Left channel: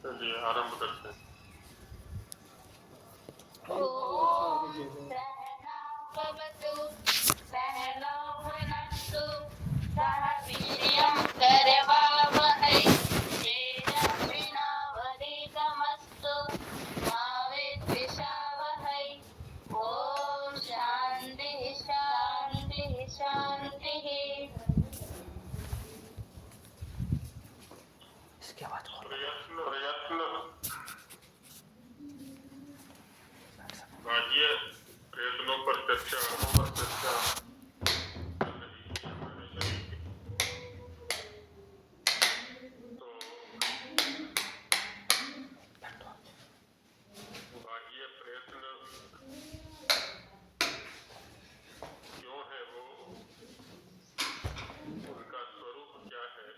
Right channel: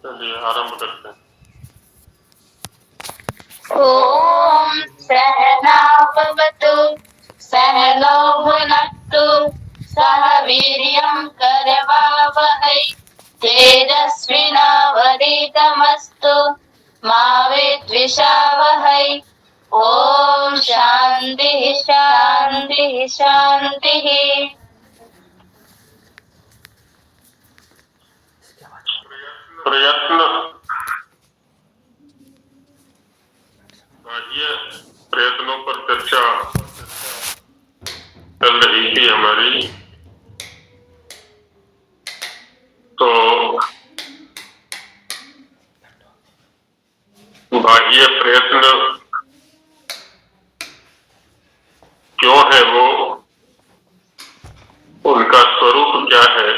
चलिए आरंभ करते हैं। ओम सहनावतु सहनौ भुनक्तु सह वीर्यं करवावहै तेजस्विनावधीतमस्तु मा विद्विषावहै। ओम शांति शांति शांति। प्रयत्न बाह्य प्रयत्नों पर चर्चा चल रही थी हमारी। तो बाह्य प्रयत्न क्यों है, वो उनका स्वरूप क्या है,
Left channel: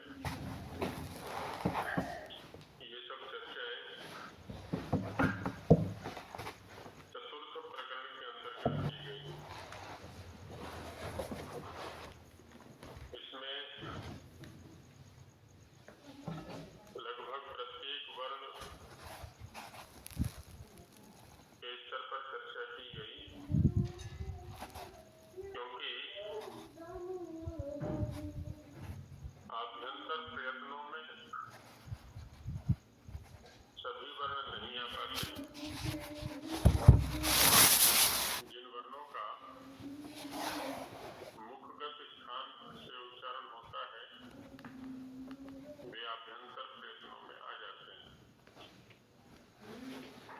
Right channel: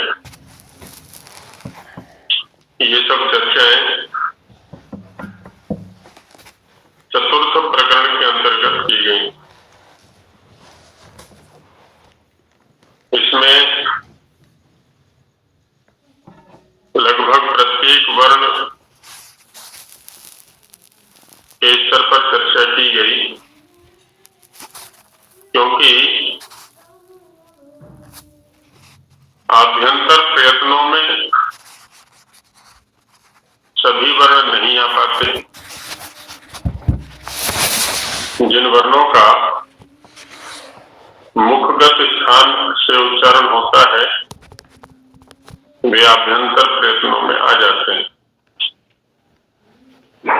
ये सब चर्चाएं चतुर्थ प्रकरण के अंतर्गत की गई। इसमें लगभग प्रत्येक वर्ण के स्तर पर चर्चा की गई, क्योंकि आभ्यंतर प्रयत्नों में सभी वर्ण नहीं आ पाते। जिन वर्णों का मुखगत स्थान से उच्चारण होता है वे आभ्यंतर प्रयत्नों में आ जाते हैं,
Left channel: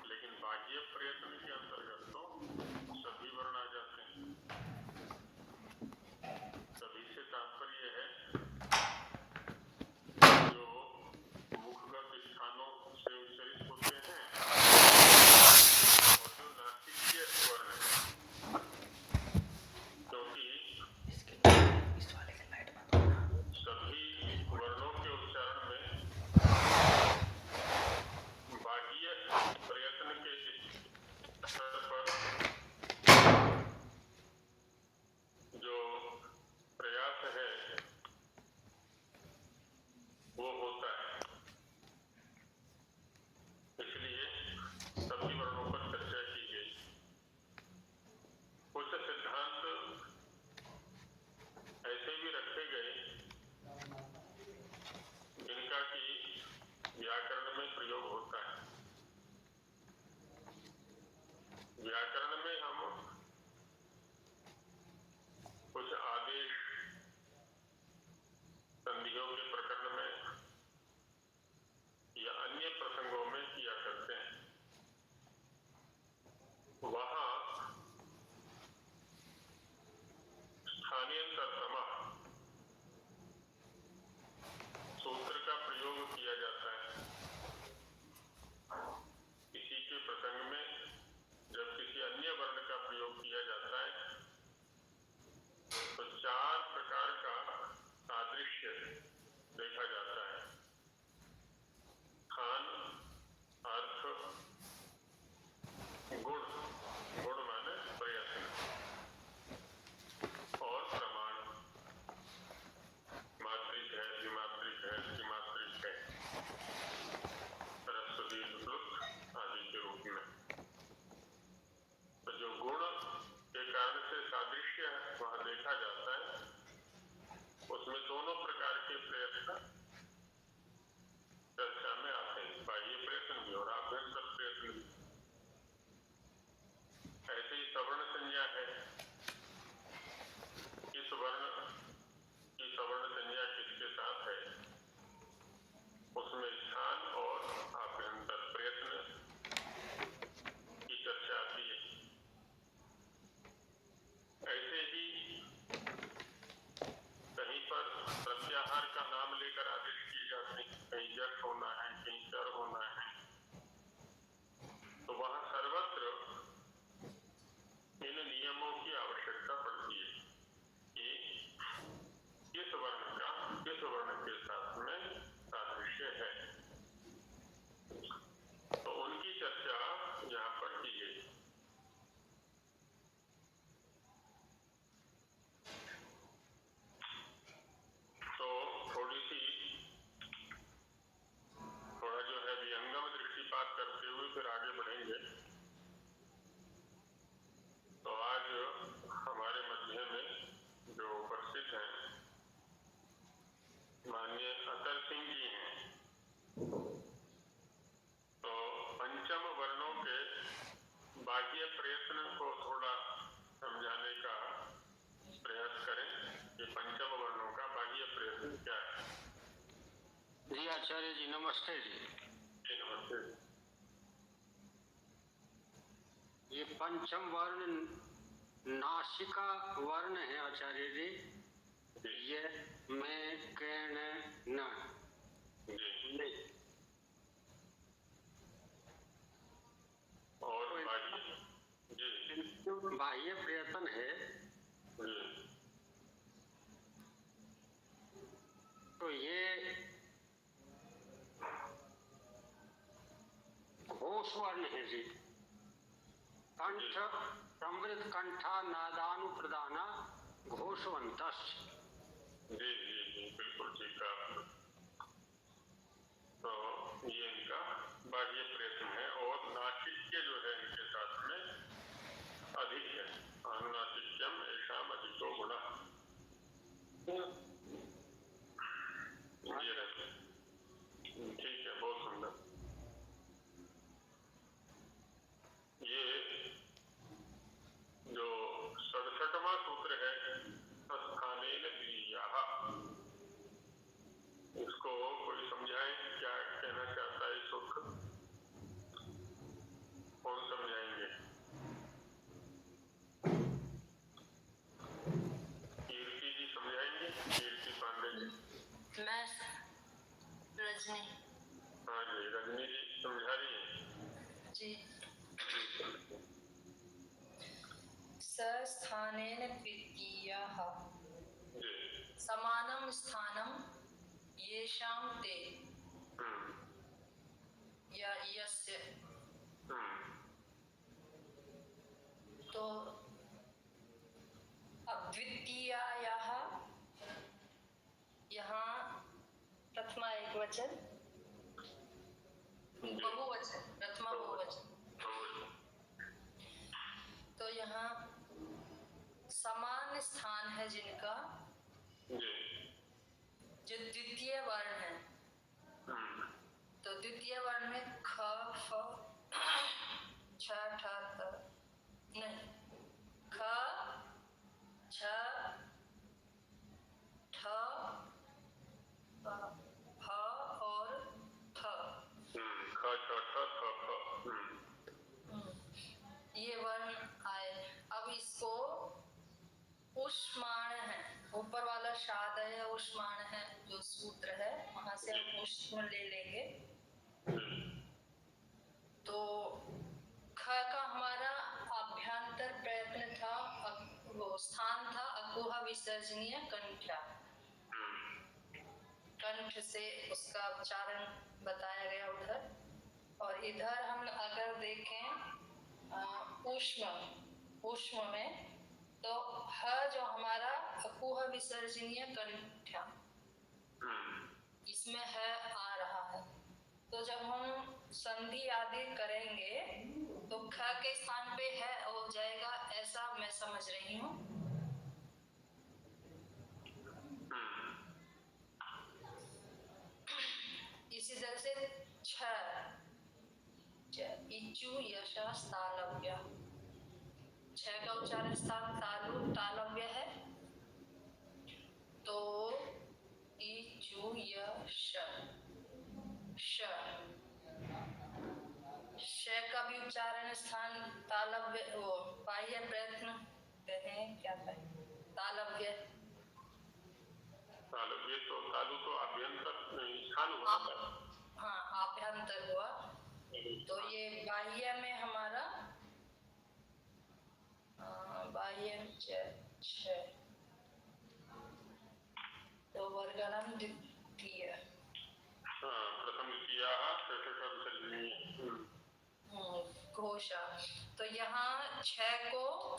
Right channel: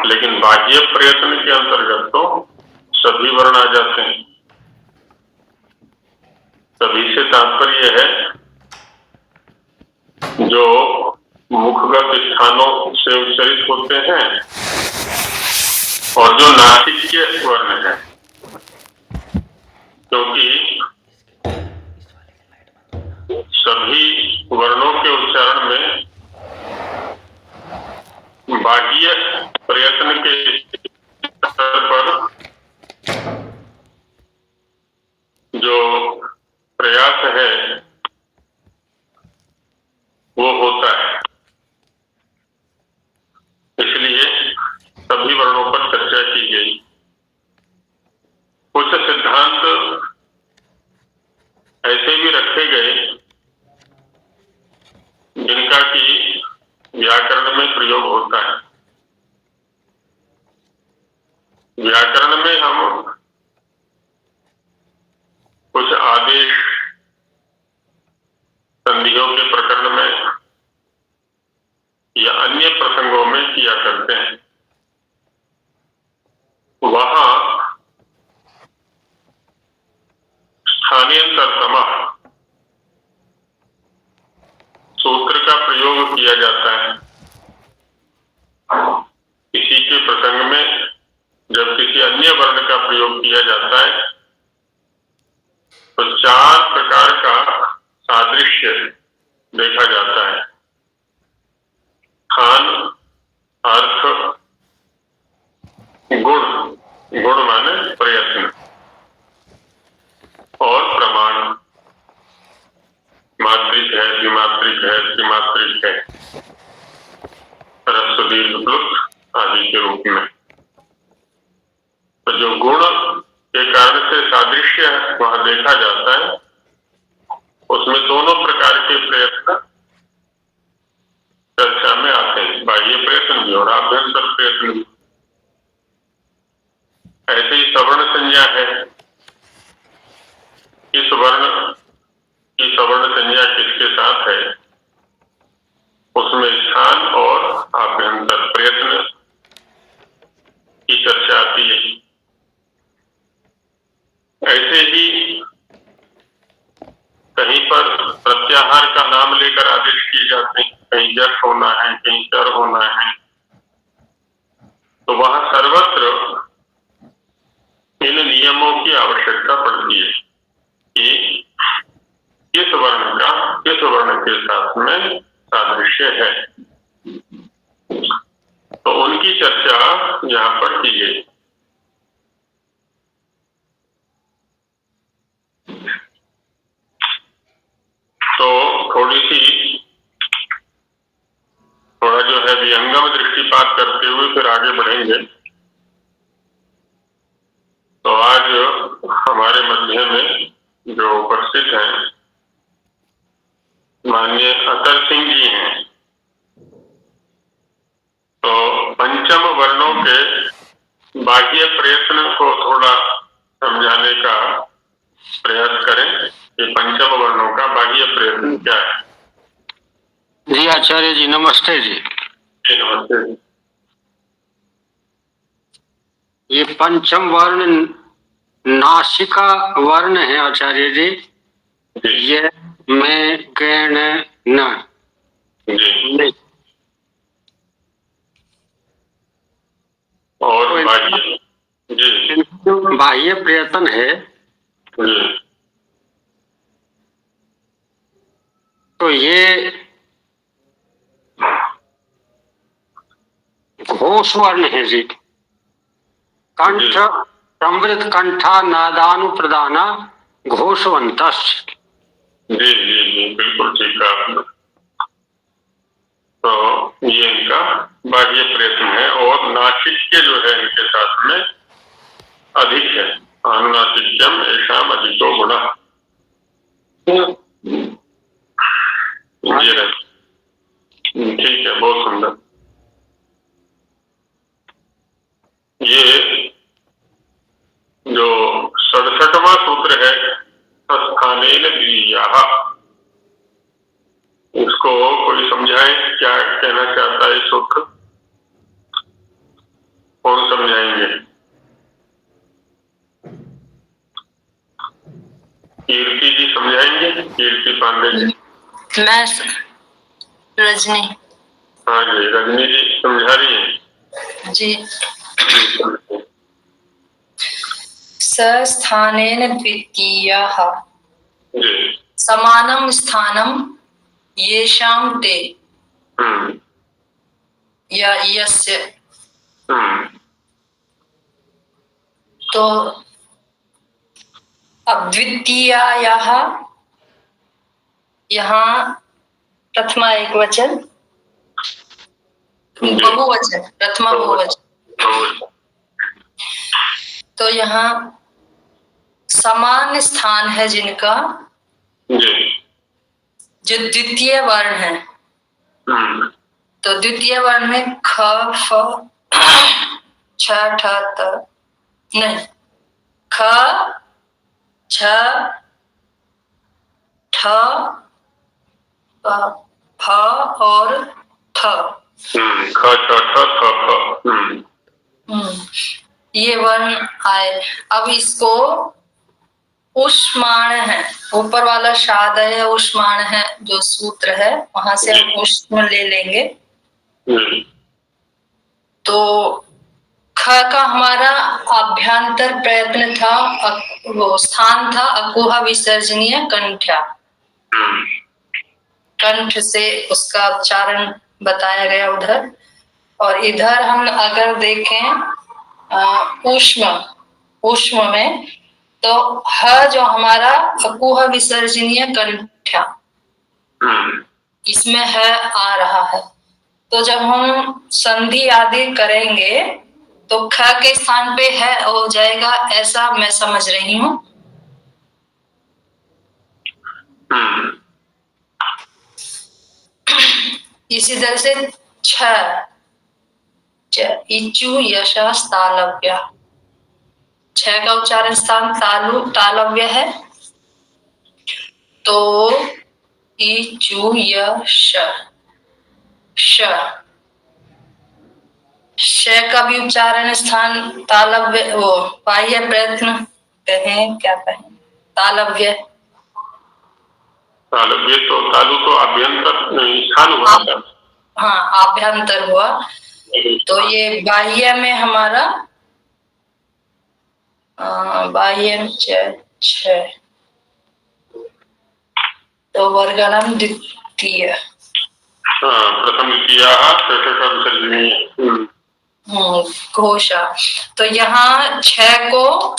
लेकिन बाह्य प्रयत्न के अंतर्गत तो सभी वर्ण आ जाते हैं। सभी से तात्पर्य है जो मुखगत स्थानों से उच्चरित होते हैं और जो नासिक्य वर्ण है, क्योंकि सभी वर्णों के उच्चारण में बाह्य प्रयत्न के स्तर पर जो प्रयास है वो होता है। इसलिए सभी वर्णों पर चर्चा की गई। कुछ सिद्धांत ऐसे भी रखे गए जिनका कि व्याकरण में प्रयोग होता है। व्याकरण में हम कुछ आदेश संधियों के प्रकरण में या अन्य प्रसंगों में किया करते हैं। वहां स्थानीयतरतमः सूत्र का प्रयोग किया जाता है। किसी के प्रसंग में जब किसी अन्य वर्ण का प्रयोग किया जाता है तो चार प्रकार का सादृश्य देखा जाता है। खान, अर्थ, गुण, गुण माने प्रयत्न, और प्रमाण, मात्रिक है, द्विमात्रिक है, त्रिमात्रिक है, ह्रस्व दीर्घ प्लुत आदि के रूप में। तो जो गुण के कारण से सादृश्य वहां देखा जाता है उसमें दोनों प्रकार के प्रयत्न चर्चा में आते हैं, बाह्य प्रयत्न भी और आभ्यंतर प्रयत्न भी। ऐसे ही सवर्ण संज्ञा है। इस वर्ण की सवर्ण संज्ञा किसके साथ है, उसमें स्थान और आभ्यंतर प्रयत्न की चर्चा आती है। ऐसे ही कहीं पर प्रत्याहार का नाम लेकर आदेश किए जाते हैं, कहीं जश होना है, कहीं चर होना है। तो वहां सर्वत्र इन नियमों की आवश्यकता पड़ती है कि किस वर्ण का किस वर्ण के साथ में सादृश्य है। तो उनकी चर्चा यहाँ पर की गई। तो थोड़ा जो है भी जंगम दृष्टिपात करते हुए फिर आगे बढ़ेंगे। तो आज हमारे मध्य में जो उपस्थित हैं माननीय अतर सिंह जी हैं। तो पंचम वर्णों के बाह्य प्रयत्न को थोड़ा समझाने का प्रयास करें कि पंचम वर्णों का बाह्य प्रयत्न क्या है। जी आचार्य जी नमस्ते जी। नमस्ते। ये पंचम वर्ण नासिका वर्ण है आचार्य जी। ये मैं कण न जी। और बाह्य जी बाह्य प्रयत्न है जी। तो ये घोष वर्ण है जी। कंठ समृद्ध कंठा नादानु प्रदाना घोषवंत। जी जी जी बिल्कुल ठीक कहा आपने। तो ये इनका बाह्य प्रयत्न है और नासिक्य जो है इनके साथ में अधिक है। अनुनासिक्यम ऐशाम अधिको गुणा। ये ठीक है, बहुत सुंदर। ये जो 67वां सूत्र है स्थानेन द्वितीयाः, इसको कोई समझाए क्या कहना चाहता है सूत्र? कौन समझाएंगे? कीर्ति जी समझाएंगे? कीर्ति पांडे जी। मैं रजनी। हाँ जी, रजनी जी समझा रही है जी। स्थानेन द्वितीयाः जी। समानं स्थानं येषां ते या यस्य। तो अब द्वितीयायाः यहाँ प्रथमा एक वचन, बहुवचन, प्रथमा बहुवचन। तो यहाँ समान स्थान है जिनका, जो द्वितीय वर्ण है। तो द्वितीय वर्ण में ख फ छ ठ त नहीं, ख छ ठ फ और थ। ख छ ठ थ फ। ये वर्ण आए। अब इसको उष्माण है, ऊपर वाला शादय उष्माण है जो सूत्र है, वहां से हम उष्म ले लेंगे। तो ख का हमारा अभ्यंतर प्रयत्न था, वो स्थान था अकुह विसर्जनीय कंठ्या। कंठ से उसका उच्चारण बताया गया उधर। और इधर हम अगर देखें उष्म में, तो ह जो हमारा अकुह विसर्जनीय कंठ्या, इसमें है आ रहा है। तो जब हम संधि आदि करेंगे तो ख के स्थान पे है हो जाएगा, ऐसा मैं समझ रही हूँ। इसी तरह से छ इचु यशस तालव्य, छ का उच्चारण स्थान तालव्य है। तो इचु यश श का भी उच्चारण स्थान तालव्य, वो बाह्य प्रयत्न कहें क्या कहें, तालव्य। तालव्य तो तालु तो अभ्यंतर स्थान हुआ था। हाँ आभ्यंतर हुआ। तो ये बाह्य में हमारा बाह्य छ, तो वर्गणम द्वितीय। प्रथम द्वितीय घोषा। तो यहाँ छ को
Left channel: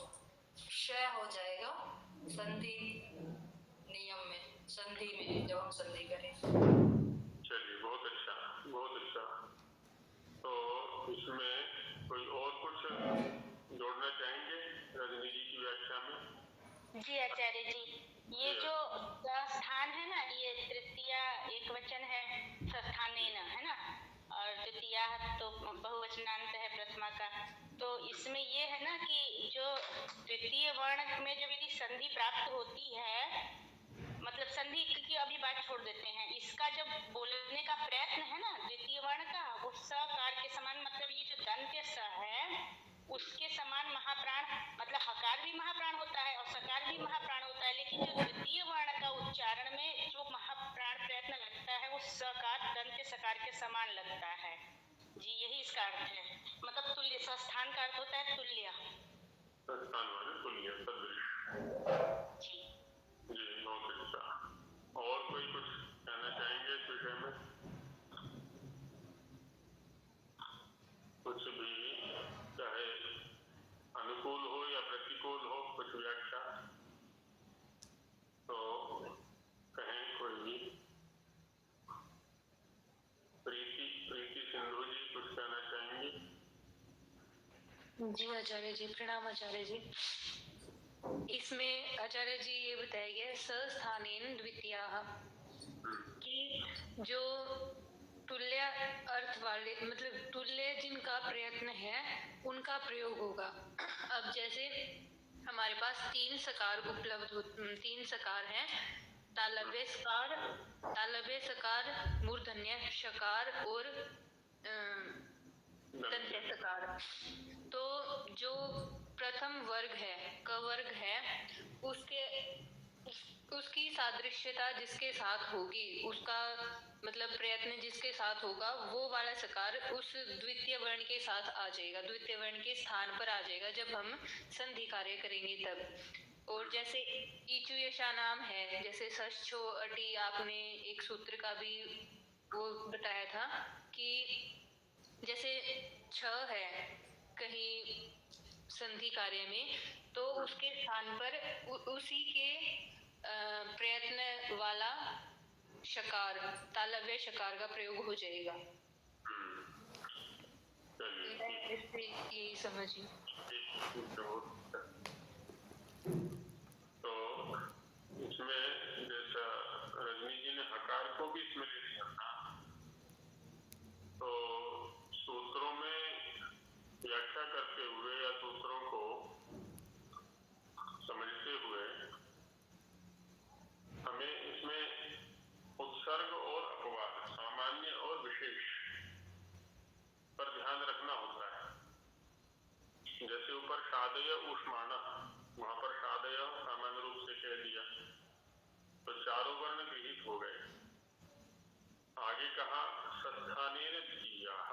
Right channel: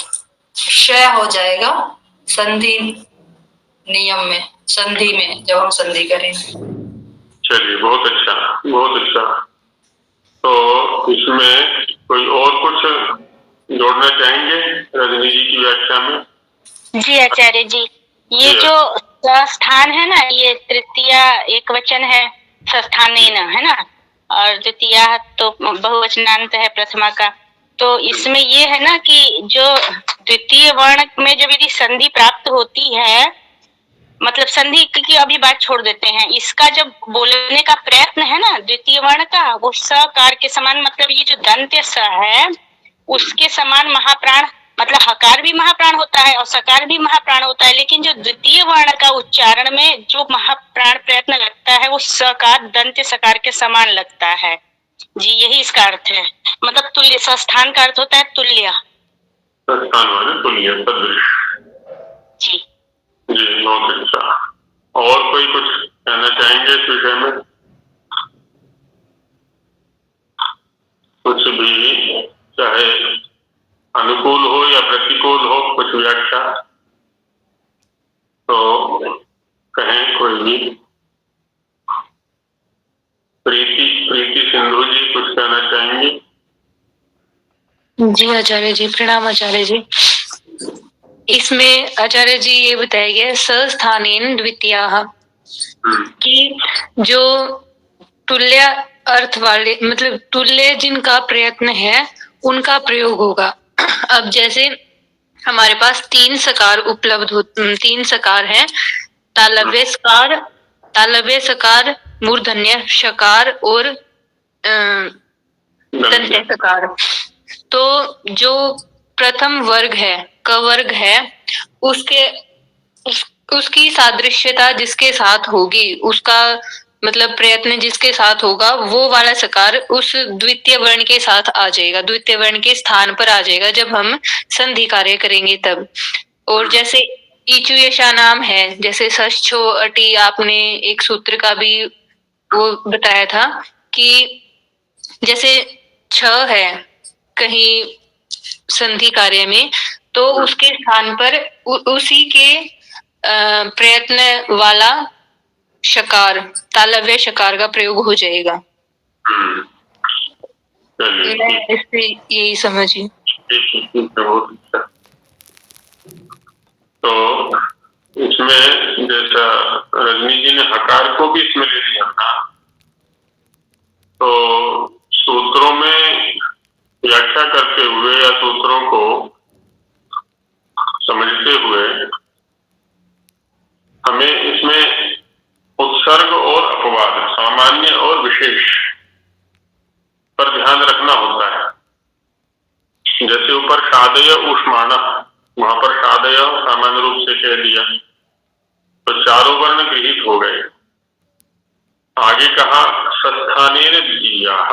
श हो जाएगा संधि नियम में, संधि में जब हम संधि करेंगे। चलिए बहुत अच्छा, बहुत अच्छा। इसमें कोई और कुछ जोड़ना चाहेंगे रजनी जी की व्याख्या में? जी आचार्य जी, ये जो स्थान है ना, ये तृतीय एक वचन है, संस्थानेन, है ना, और द्वितीय तो बहुवचनांत है प्रथमा का। तो इसमें ये है ना कि जो द्वितीय वर्ण में जब यदि संधि प्राप्त होती है, मतलब संधि की अभी बात छोड़ देते हैं, इसका जब बोलने का प्रयत्न है ना द्वितीय वर्ण का, वो सकार के समान, मतलब ये जो दंत्य स है उसके समान महाप्राण, मतलब हकार भी महाप्राण होता है और सकार भी महाप्राण होता है, लेकिन जो द्वितीय वर्ण का उच्चारण में जो महाप्राण प्रयत्न लगता है वो सकार दंत्य सकार के समान लगता है। जी यही इसका अर्थ है, मतलब तुल्य, संस्थान का अर्थ होता है तुल्य। संस्थान वाले तुल्य सदृश। जी जी बहुत अच्छा। और कोई कुछ कहना चाहेंगे इस विषय में? कुछ भी, चाहे अनुकूल हो या प्रतिकूल हो, कुछ व्याख्या तो कहें कोई भी। प्रीति सिंधु जी कुछ कहना चाहेंगी? जी आचार्य जी, प्रणाम आचार्य जी। इसमें आचार्य जी ये बताया गया संस्थानेन द्वितीयाः कि जो तुल्य अर्थ वाले, मतलब तुल्य जिनका प्रयत्न है उनका प्रयोग होगा। अब जैसे हमारे पास तीन सकार उपलब्ध हो, तीन सकार हैं, तालव्य सकार, मूर्धन्य शकार और दंत्य सकार। तो जो प्रथम वर्ग है, क वर्ग है, उसकी सादृश्यता जिसके साथ होगी, उसका मतलब प्रयत्न जिसके साथ होगा, वो वाला सकार उस द्वितीय वर्ण के साथ आ जाएगा, द्वितीय वर्ण के स्थान पर आ जाएगा जब हम संधि कार्य करेंगे तब। और जैसे ईचु यशा नाम है, जैसे सच छो अटी, आपने एक सूत्र का भी वो बताया था कि जैसे छ है कहीं संधि कार्य में, तो उसके स्थान पर उसी के प्रयत्न वाला शकार, तालव्य शकार का प्रयोग हो जाएगा। इससे यही समझिए। बहुत अच्छा। तो इसमें जैसा रजनी जी ने हकार को भी इसमें ले लिया था, तो सूत्रों में व्याख्या करते हुए या सूत्रों को समझते हुए हमें इसमें उत्सर्ग और अपवाद, सामान्य और विशेष पर ध्यान रखना होता है। जैसे ऊपर शादय ऊष्माण, वहां पर शादय सामान्य रूप से कह दिया तो चारों वर्ण गृहीत हो गए। आगे कहा संस्थानेन द्वितीयाः,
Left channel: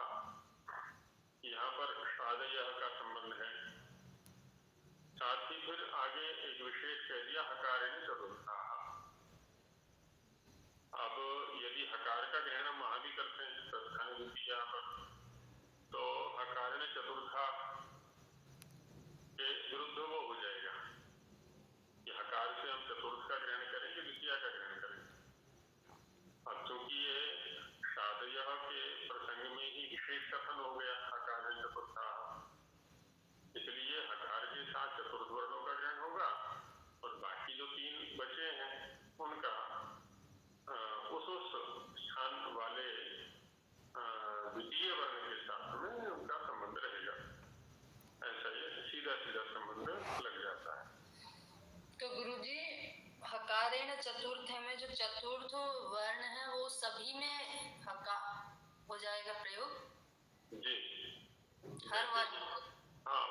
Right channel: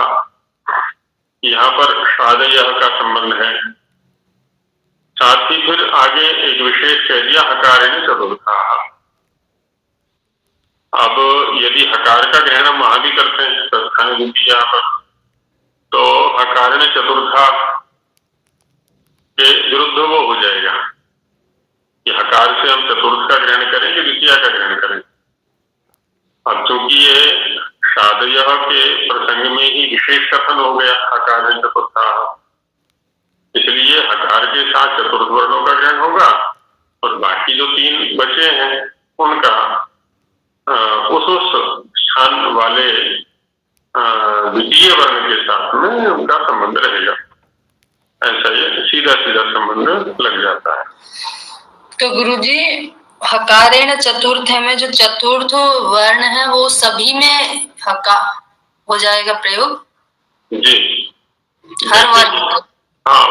यहाँ पर शादय का संबंध है। साथ ही फिर आगे एक विशेष कह दिया हकारेण चतुर्थाः। अब यदि हकार का ग्रहण हम वहां भी करते हैं संस्थान द्वितीया पर, तो हकारेण चतुर्था के विरुद्ध वो हो जाएगा कि हकार से हम चतुर्थ का ग्रहण करें कि द्वितीया का ग्रहण करें। अब चूंकि ये शादय के प्रसंग में ही विशेष कथन हो गया हकारेण चतुर्थाः, इसलिए हकार के साथ चतुर्थ वर्णों का ग्रहण होगा और बाकी जो तीन बचे हैं उनका उस स्थान वाले द्वितीय वर्ण के साथ में उनका संबंध रहेगा। ऐसा ये सीधा सीधा संबंध लग जाता है। तो गुरुजी हकारेण चतुर्थ में जो चतुर्थ वर्ण है वो सभी में हका हो जाएगा प्रयोग? जी हर वर्ण? हाँ,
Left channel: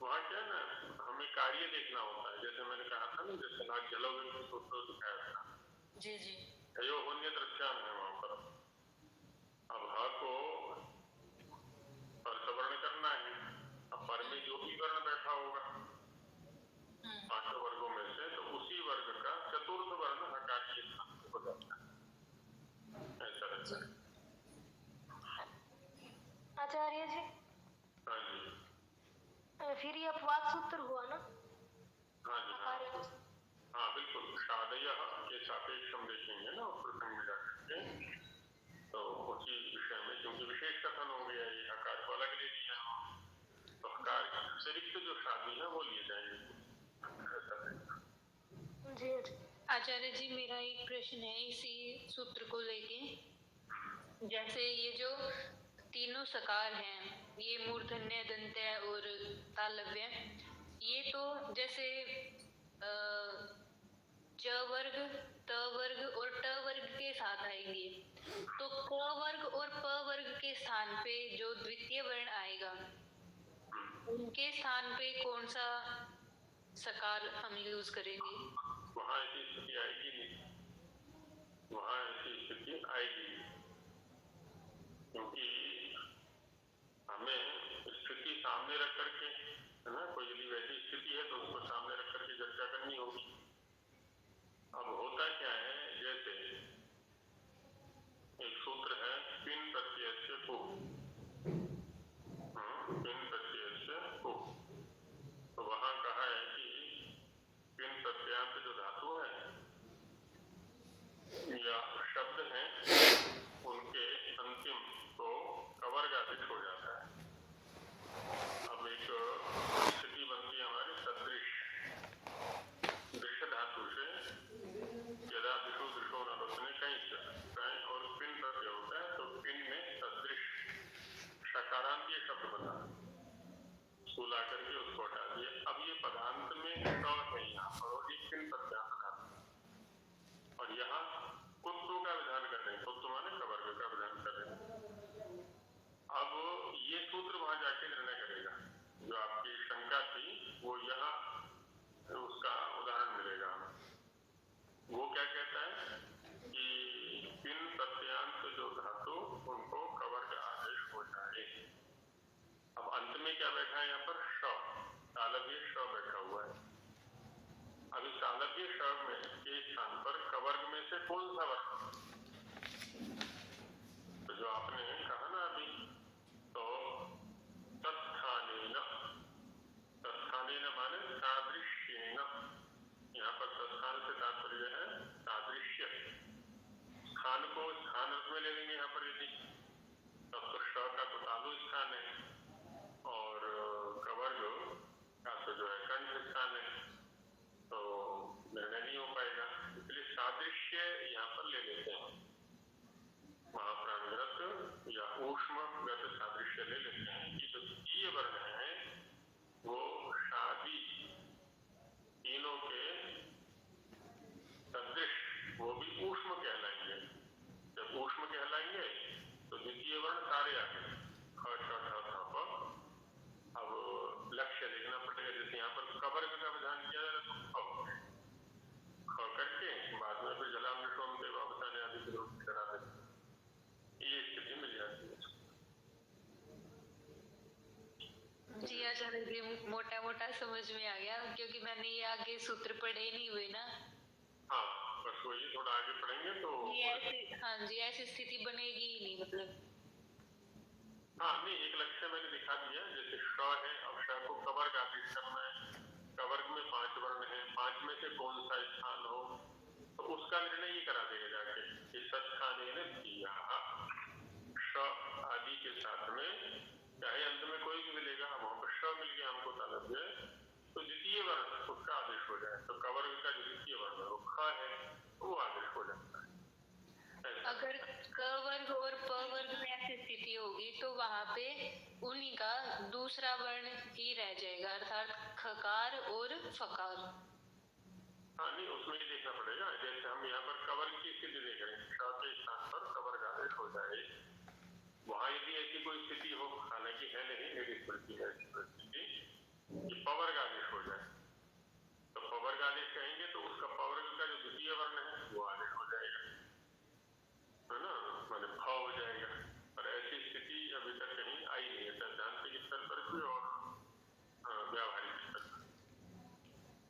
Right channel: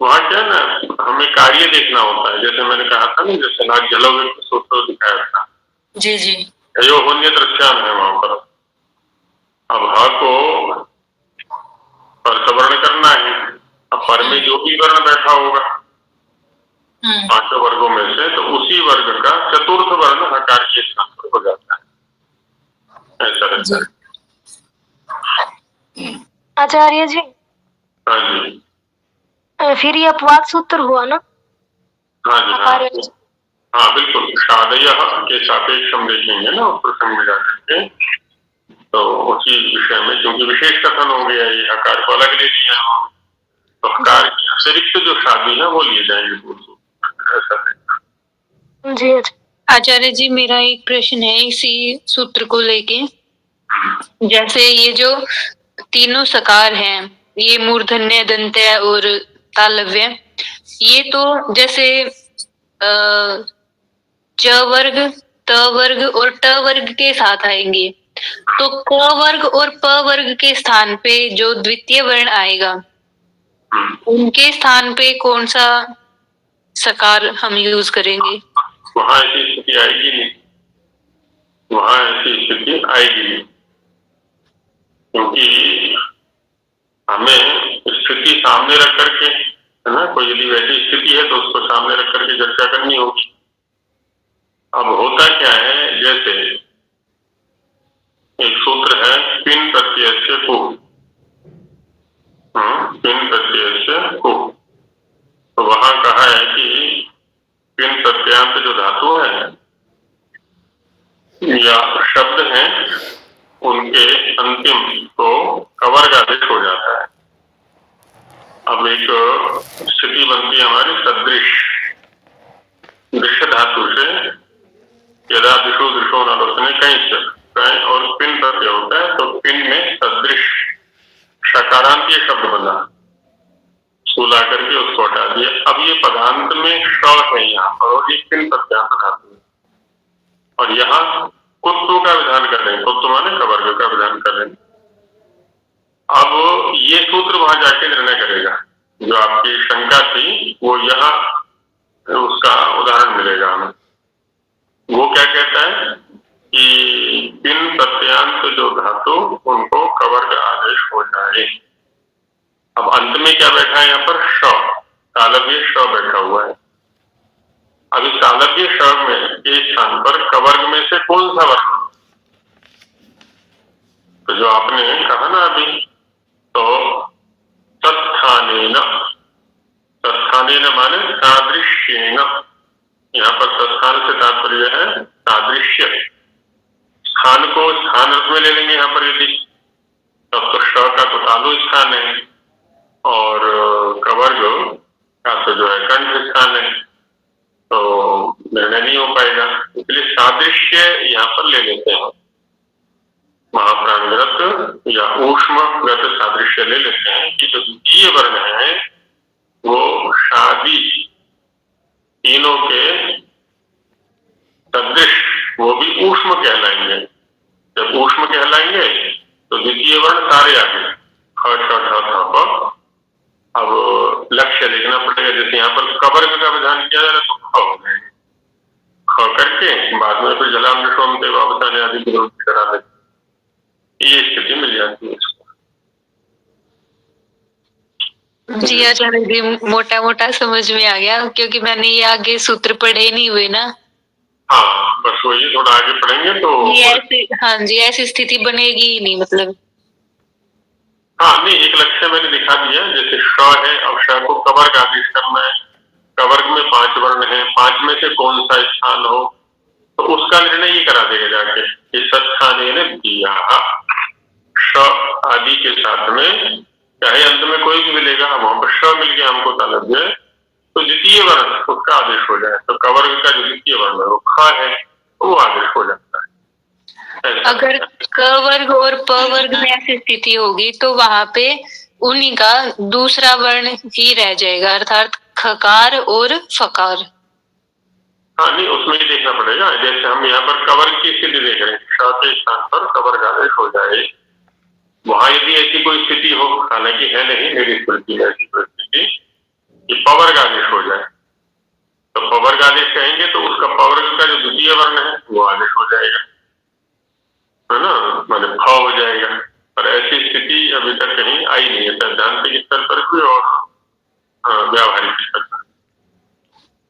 वहाँ क्या ना, हमें कार्य देखना होता है। जैसे मैंने कहा था ना, जैसे नाग जलोगे सूत्र दिखाया था। जी जी। यो होन्य दृश्याम है वहां पर। अब ह को परसवर्ण करना है, अब पर में जो भी वर्ण बैठा होगा पांचों वर्गों में से, तो उसी वर्ग का चतुर्थ वर्ण हकार के स्थान पर हो जाता है। ऐसा रहता है। आचार्य जी, हाँ जी, फिर ये अपवाद सूत्र हुआ ना? हाँ जी, हाँ हाँ बिल्कुल। शादय के सापेक्ष हम देखेंगे ना प्रसंग में जाकर के, तो उसी विषय में, क्योंकि विशेष कथन हो गया, ये हकार को अलग ले लिया हम, तो हकार के अतिरिक्त जो शादी है वो लिए जाएंगे पूर्व। ऐसा है। जी अच्छा। आचार्य जी, मेरा एक प्रश्न है इसी सूत्र को लेके। जैसे ये जो तीनों सकार हैं, ये मूर्धन्य, दंत्य और तालव्य, ये तो जैसे च वर्ग, त वर्ग और ट वर्ग के साथ आएंगे, तो क वर्ग और प वर्ग के स्थान पे जो द्वितीय वर्ण आएगा, उनके स्थान पे कौन सा सकार हम यूज करेंगे? वहां ऐसी स्थिति आएगी नहीं, वहां ऐसी स्थिति आएगी नहीं, क्योंकि हमें स्थिति सामने रख करके, है ना, कोई यदि वैसी स्थिति है तो उसको सामने रख करके चर्चा करनी होगी। अब होता क्या है, जैसे एक सूत्र है पिन प्रत्यय से कु, पिन प्रत्यय से कु, तो वहां कहा है कि पिन प्रत्यांत जो धातु है या शब्द हैं, उनके अंतिम को कवर्ग आदेश हो जाता है। अब एक स्थिति बनती है हमारी सदृश, दृश्य धातु से यदा दिशो दृशो नालोचने कहीं और पिन प्रत्यय होता है, तो पिन में सदृश शकारांतीय शब्द बना, सुला करके उसको हटा दिया। अब ये पदांत में श है यहाँ पर, और ये पिन प्रत्यांत धातु है, और यहाँ कुत्तु का विधान कर रहे हैं, कुत्तु माने कवर्ग का विधान कर रहे हैं। अब ये सूत्र वहां जाके निर्णय करेगा, जो आपकी शंका थी वो यहाँ उसका उदाहरण मिलेगा हमें। वो क्या कहता है कि पिन प्रत्यांत जो धातु, उनको कवर्ग आदेश हो जाए। अब अंत में क्या बैठा है यहाँ पर? श, तालव्य श बैठा हुआ है। अब इस तालव्य श में के स्थान पर कवर्ग में से कौन सा वर्ण? तो जो आपने कहा ना अभी, तो तत्स्थानेन, तत्स्थानेन माने सादृश्येन, यहाँ पर तत्स्थान से तात्पर्य है सादृश्य। स्थान को स्थान रूप में ले लेंगे यहाँ पर यदि, तब तो श का तो तालु स्थान है और कवर्ग का तो जो है कंठ स्थान है, तो निर्णय नहीं हो पाएगा। इसलिए सादृश्य यहाँ पर ले लेते हैं, महाप्राणगत या ऊष्मगत सादृश्य ले लेते हैं कि जो द्वितीय वर्ण है वो शादी तीनों के सदृश, वो भी ऊष्म कहलाएंगे। जब ऊष्म कहलाएंगे तो द्वितीय वर्ण सारे आ गए, ख छ ठ थ प। अब लक्ष्य देखना पड़ेगा, जैसे यहाँ पर कवर्ग का विधान किया जा रहा है तो ख हो जाएगा, ख करके बाद में फिर जलाम निशोम देवावताने आदि की विरोध करा देते, ये स्थिति मिल जाती है। जी आचार्य जी, मोटा मोटा समझ में आ गया, क्योंकि मैंने ये आगे सूत्र पढ़े नहीं हुए ना। हाँ, बस वही थोड़ा आगे पढ़ेंगे तो ये ऐसी, हाँ जी, ऐसी स्थिति बनेगी ही नहीं मतलब। हाँ नहीं, एक लक्ष्य मैंने दिखा दिया, जैसे श है, अब श को कवर्ग आदेश करना है, कवर्ग में 5 वर्ण है, 5 में से कौन सा स्थान हो, तो उसका निर्णय ये करा देगा जाके कि सत्स्थानेन दिया श आदि के साथ में, चाहे अंत में कोई भी मिलेगा, वहां पर श मिल गया हमको तालव्य, तो द्वितीय वर्ण उसका आदेश हो जाए, तो कवर्ग का जो द्वितीय वर्ण है वो ख है, वो आदेश हो जाता है। अगर क वर्ग और प वर्ग में ऐसी स्थिति होगी तो वहां पे उन्हीं का दूसरा वर्ण ही रह जाएगा, अर्थात खकार और फकार। हाँ नहीं, उसमें ही देखना पड़ेगा। जैसे हम यहाँ पर कवर्ग की स्थिति देख रहे हैं, श के स्थान पर कवर्ग आदेश हो जाए, वहां यदि ऐसी कोई स्थिति हो, हालांकि है नहीं मेरी स्मृति में ऐसी कोई स्थिति कि पवर्ग आदेश हो जाए, तो पवर्ग आदेश कहेंगे तो उसका पवर्ग का जो द्वितीय वर्ण है वो आदेश हो जाएगा, है ना, माने फ हो जाएगा। पर ऐसी स्थिति अभी तक कहीं आई नहीं है, सैद्धांतिक स्तर पर भी और व्यावहारिक स्तर पर।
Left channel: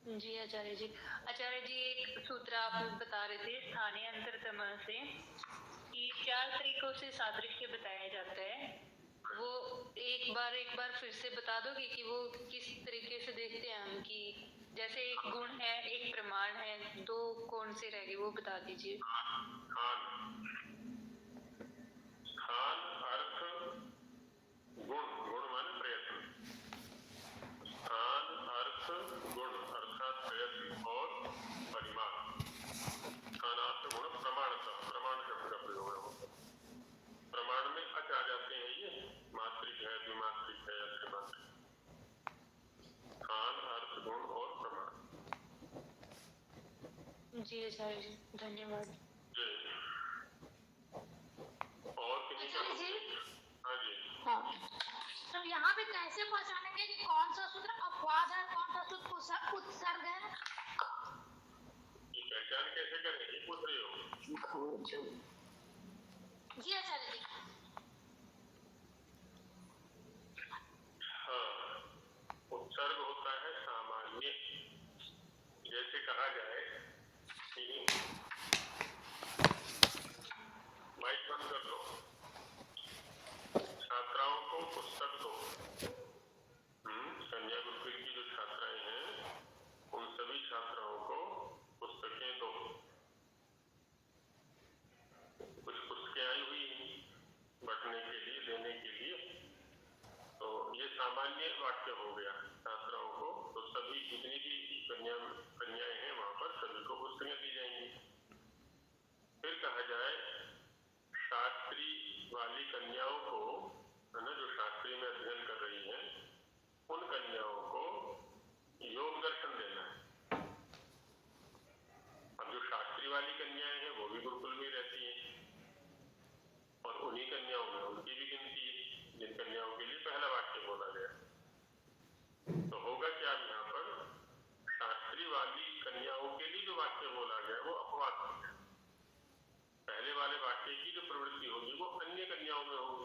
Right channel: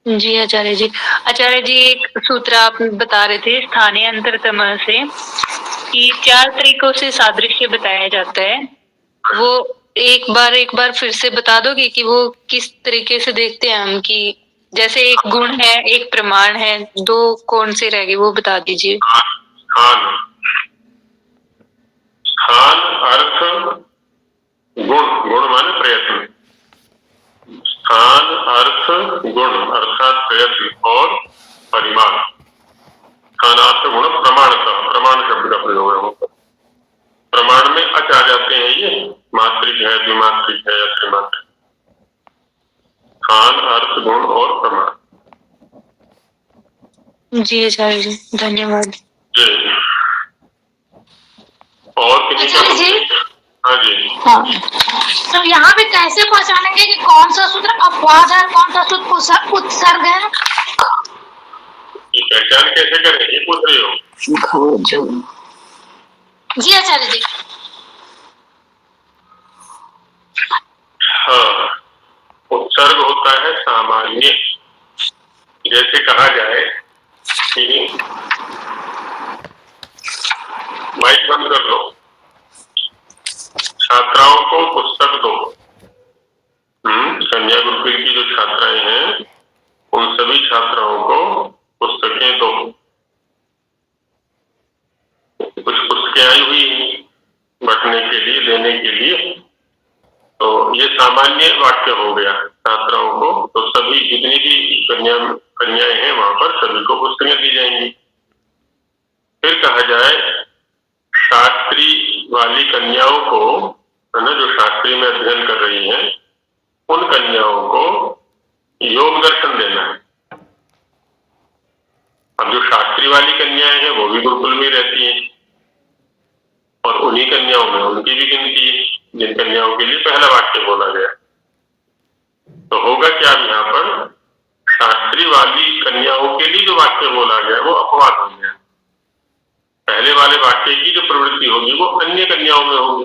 जी आचार्य जी। आचार्य जी, एक सूत्र आप बता रहे थे स्थानीय अंतरतम से कि 4 तरीकों से सादृश्य बताया जाता है, वो एक बार फिर से बता दोगे कि वो किस तरीके से देखते हैं हम? कि जैसे एक गुण है, एक प्रमाण है, 2 कौन से रह गए वो बता दीजिए। स्थान, स्थान अर्थ गुण, गुण माने प्रयत्न, स्थान अर्थ गुण अर्थात प्रयत्न और परिमाण। स्थानार्थ गुण प्रमाणतः, प्रमाण शब्द का प्रयोग है। प्रमाण में अच आ जाते हैं, ये मात्रिक है, द्विमात्रिक है या त्रिमात्रिक। स्थान अर्थ गुण और प्रमाण। जी आचार्य जी, धन्यवाद। जी, और किसी का? आचार्य जी, हाँ जी, हाँ, तो यहाँ पे कैसे पहचानेंगे कि कौन सा सूत्र अपवाद है, कौन सा सूत्र उत्सर्ग है? ये पहचान कैसे करें, ये पूछ रही हो? जी आचार्य जी। हाँ, उत्सर्ग होता है सामान्य। जैसे कहा जाए कि माइक बंद कर लो, छात्राओं को पुस्तक दो। कन्या गुरुकुल की जो छात्राएं हैं उन सभी छात्राओं को पुस्तकें दो। कुछ पुस्तकें आई हुई बंटने के लिए, देने के लिए, तो ये सामान्य वाक्य हो गया। छात्राओं को तो सभी जितनी भी कन्याएं हैं वहां पर सभी को पुस्तकें दी जाएंगी। फिर कहा जाए शास्त्री वाली कन्याओं को, है ना, जो शास्त्री में अध्ययन कर रही हैं, उन कन्याओं को योग दर्शन देना है। अब जो शास्त्री वाली कन्याएं हैं वो भी गुरुकुल में रहती हैं और उन्हीं कन्याओं में उनकी भी गिनती है, जिन कन्याओं के लिए पहला वाक्य बोला गया। तो होगा क्या, यहाँ पर शास्त्री वाली कन्याओं के लिए जो वाक्य बोला गया वो अपवाद हो गया। पहले वाले वाक्य की जो प्रवृत्ति होगी वो अन्य कन्याओं में होगी,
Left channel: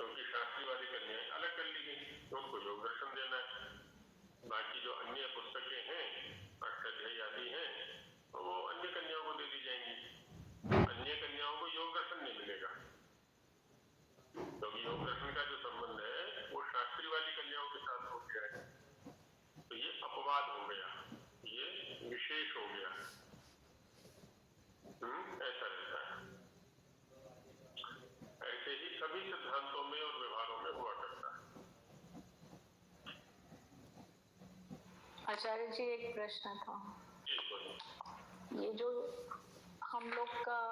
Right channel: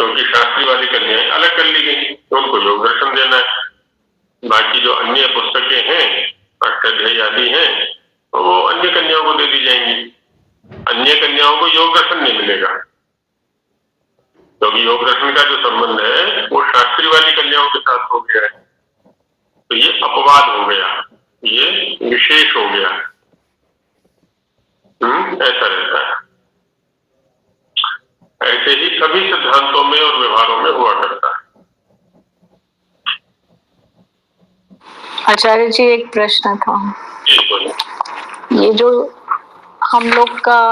क्योंकि शास्त्री वाली कन्याएं अलग कर ली गई, तो उनको योग दर्शन देना है। बाकी जो अन्य पुस्तकें हैं, अष्टाध्यायी आदि हैं, तो वो अन्य कन्याओं को दे दी जाएंगी। अन्य कन्याओं को योग दर्शन नहीं मिलेगा, क्योंकि योग दर्शन का जो संबंध है वो शास्त्री वाली कन्याओं के साथ हो गया है। तो ये अपवाद हो गया, ये विशेष हो गया। ऐसा रहता है। ऐसे ही सभी सिद्धांतों में और व्यवहारों में हुआ करता है। आचार्य जी, एक प्रश्न था। जी बोलिए। ये जो हम लोग का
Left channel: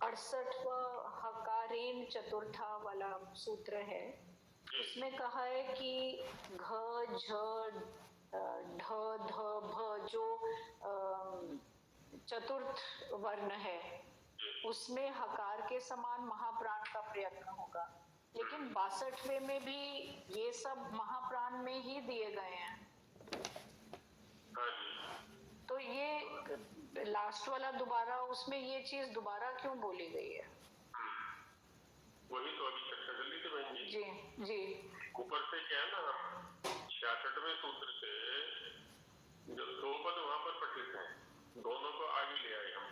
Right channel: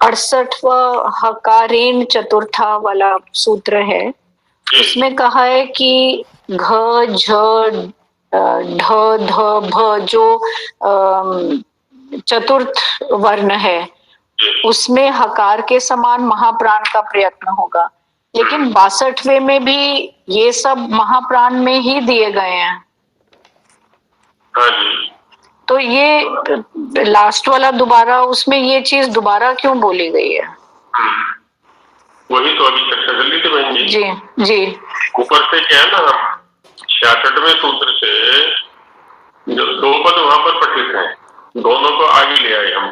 68वां हकारेण चतुर्था वाला सूत्र है, उसमें कहा है कि घ झ ढ ध भ जो चतुर्थ वर्ण है उसमें हकार के समान महाप्राण का प्रयत्न होगा, लेकिन 62वें में भी ये सब महाप्राण में ही दिए गए हैं। हाँ जी, तो ये लास्ट वाला दोबारा, उसमें ये चीज दोबारा क्यों बोली गई है? वही तो अभी चर्चा कर ली थी बहन जी। जी जी। ऊपर से क्या है ना, 66वें सूत्र से जो दो पद वहां पर पठित हैं, दोनों को आगे ले आए हम।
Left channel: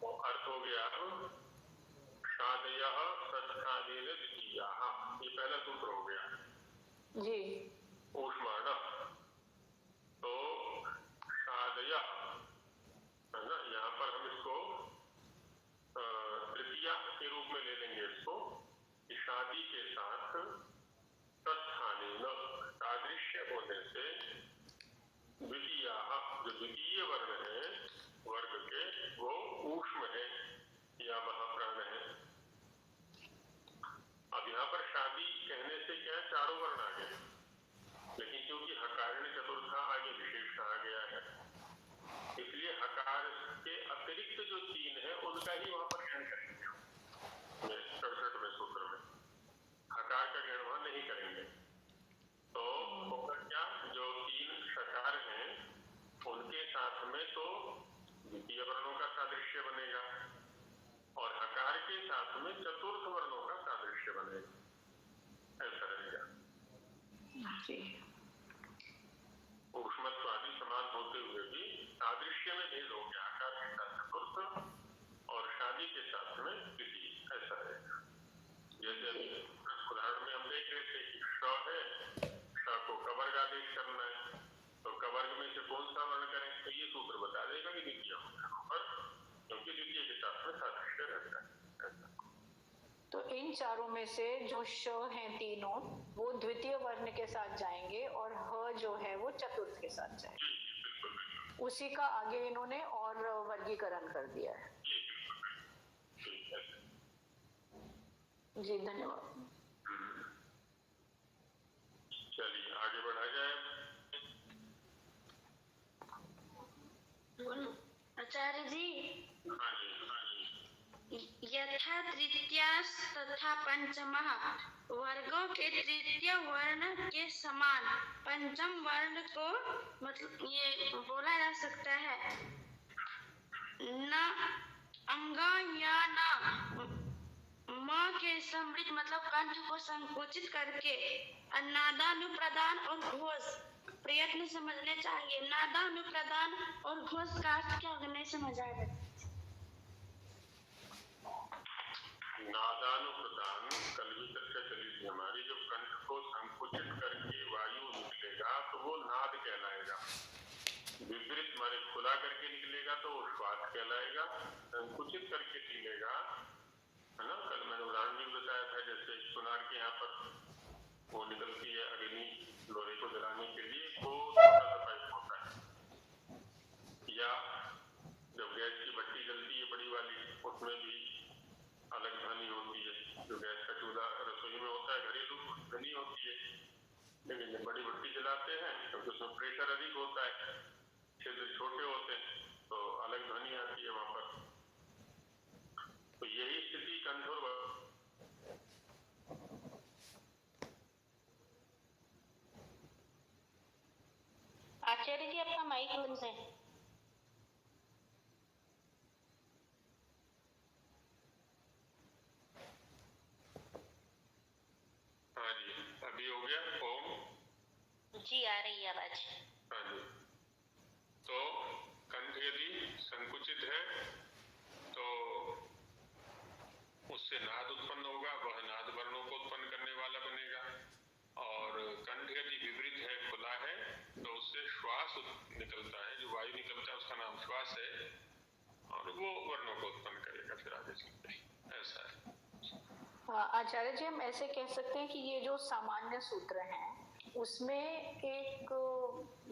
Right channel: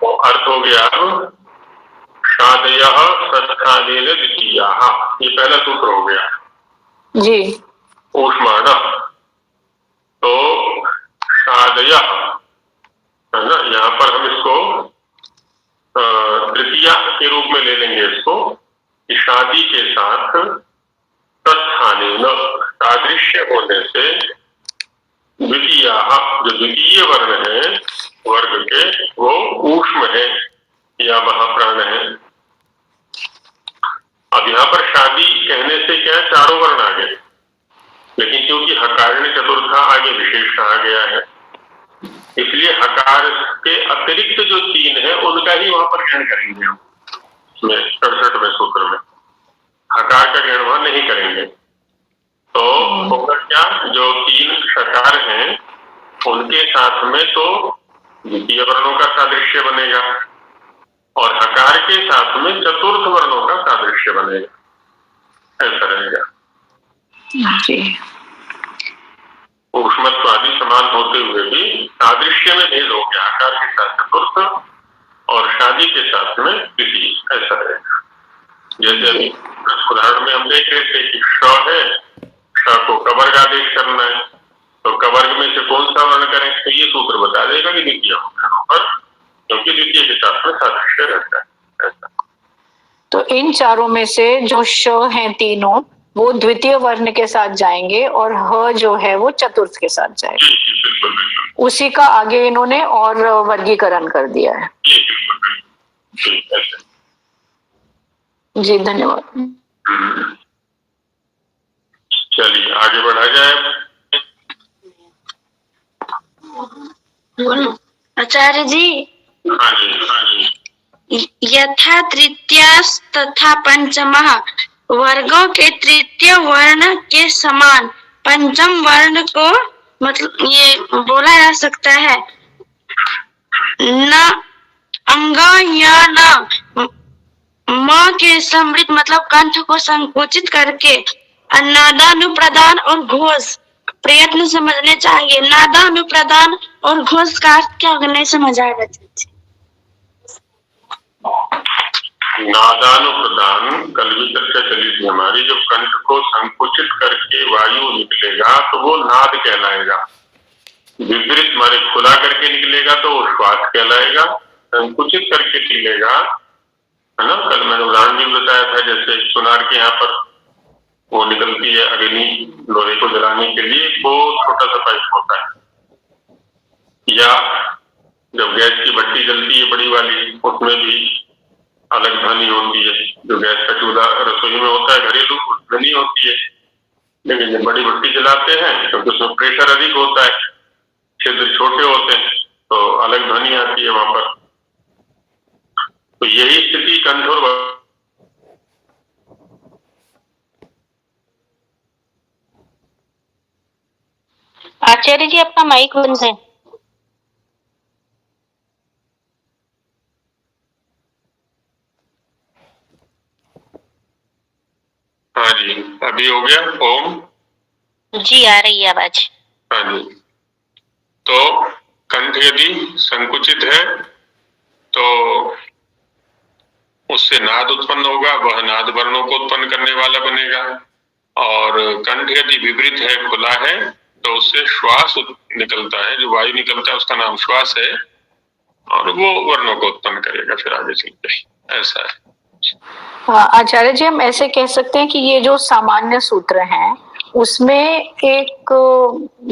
तो अर्थ हो गया शादयः सत्स्थानेन द्वितीयाः, ये पहला सूत्र हो गया जी। ऊष्माण। तो शादयः, है ना, यहाँ पर हम इसको तृतीया के रूप में ले लेंगे इसको, कि शादी के साथ तत्स्थानेन सादृश्य होने से द्वितीयाः, जो द्वितीय वर्ण है वर्ग के, वो ऊष्म है या महाप्राण है। अब यहाँ पर शादी कहने से क्या है, चारों वर्ण आ गए, लेकिन क्योंकि हकारण चतुर्था आगे विशेष कहा गया है, इसलिए हकार के अतिरिक्त जो तीन है उनका ही वहां पर ग्रहण करेंगे हम। 67वें सूत्र में हकार का ग्रहण वहां नहीं करेंगे। तो होगा क्या, जो तीन षकार हैं उनके साथ में तो द्वितीय वर्णों का सादृश्य बनेगा और हकार के साथ में चतुर्थ वर्णों का सादृश्य बनेगा, ऐसा रहेगा जी। ऊष्मत्व आदि समान होते हुए भी सादृश्य में भेद हो गया, हकार के साथ चतुर्थ और शादी के साथ में द्वितीय, ऐसा रहेगा। जैसे अभी उदाहरण में हम देख रहे थे कि श है, श को कवर्ग आदेश करना है, तो कवर्ग में से कौन सा वर्ण करें, तो ये सूत्र बता देगा कि द्वितीय पर क्योंकि द्वितीय के साथ में सादृश्य रहता है। ऐसा। तो इन चारों में से जो श हैं तीनों वो द्वितीय वर्ण के साथ जाएंगे और ह जो है वो चतुर्थ के साथ जाएगा। जी जी बिल्कुल बिल्कुल। उसी का आगे इन्होंने और वर्गीकरण कर दिया है। जी बिल्कुल बिल्कुल। जी ऐसे। जी धन्यवाद। चलिए आगे बढ़ा जाए। आचार्य जी, हाँ जी हाँ जी। यथा तृतीयास तथा पंचमः वर्गों के तृतीय वर्ण के समान पंचम वर्ण को मतलब ये बोला जा सकता है, न अंग या न म के समृद्ध मतलब कंठ को संकुचित करके नादानुप्रदान और घोष प्रयत्न समझने चाहिए। नादानुप्रदान और घोष का अर्थ क्या नहीं समझ आएगा? नादानुप्रदान कल भी चर्चा चली थी हमारी। जब कंठ को संकुचित करके वायु निकलेगा तो वो नाद कहलाएगा। विपरीत माने खुला करके निकलेगा तो वो श्वास कहलाएगा। संकुचित करके निकलेगा, है ना। कल मैंने उदाहरण भी बताया था, जैसे सुनार के यहाँ पर वो निकलती है अग्नि लोहे को जलाने के लिए, वो छोटा सा पाइप होता है। या जब गैस की भट्टी जलती है बड़ी वाली, उसमें भी अलग ध्वनि होती है। जो गैस का चूल्हा रसोई में होता है घरेलू, उसमें नहीं होती है। लेकिन जब बड़ी भट्टी जलाते हैं क्योंकि उसमें प्रेशर अधिक होता है, छिद्र छोटे होते हैं, तो अलग ध्वनि आती है वहां पर। तो यही स्थिति कंठ और आचार्य जी आपका माइक बंद है। हाँ जी अभी हो गया। ओम जी आ रही है आवाज। हाँ जी। तो कंठ यदि संकुचित है तो उससे नाद उत्पन्न होगा, वह नाद वर्णों को उत्पन्न करने वाला बनेगा। और कंठ यदि विपरीत है, खुला है, तो उससे श्वास निकलता है, जो वायु निकलता है उसका नाम श्वास है, और वो वर्णों को उत्पन्न करेगा फिर आगे चलकर। ऐसा है। आचार्य जी, हम ऐसे कह सकते हैं कि ये जो सामान्य सूत्र हैं उसमें एक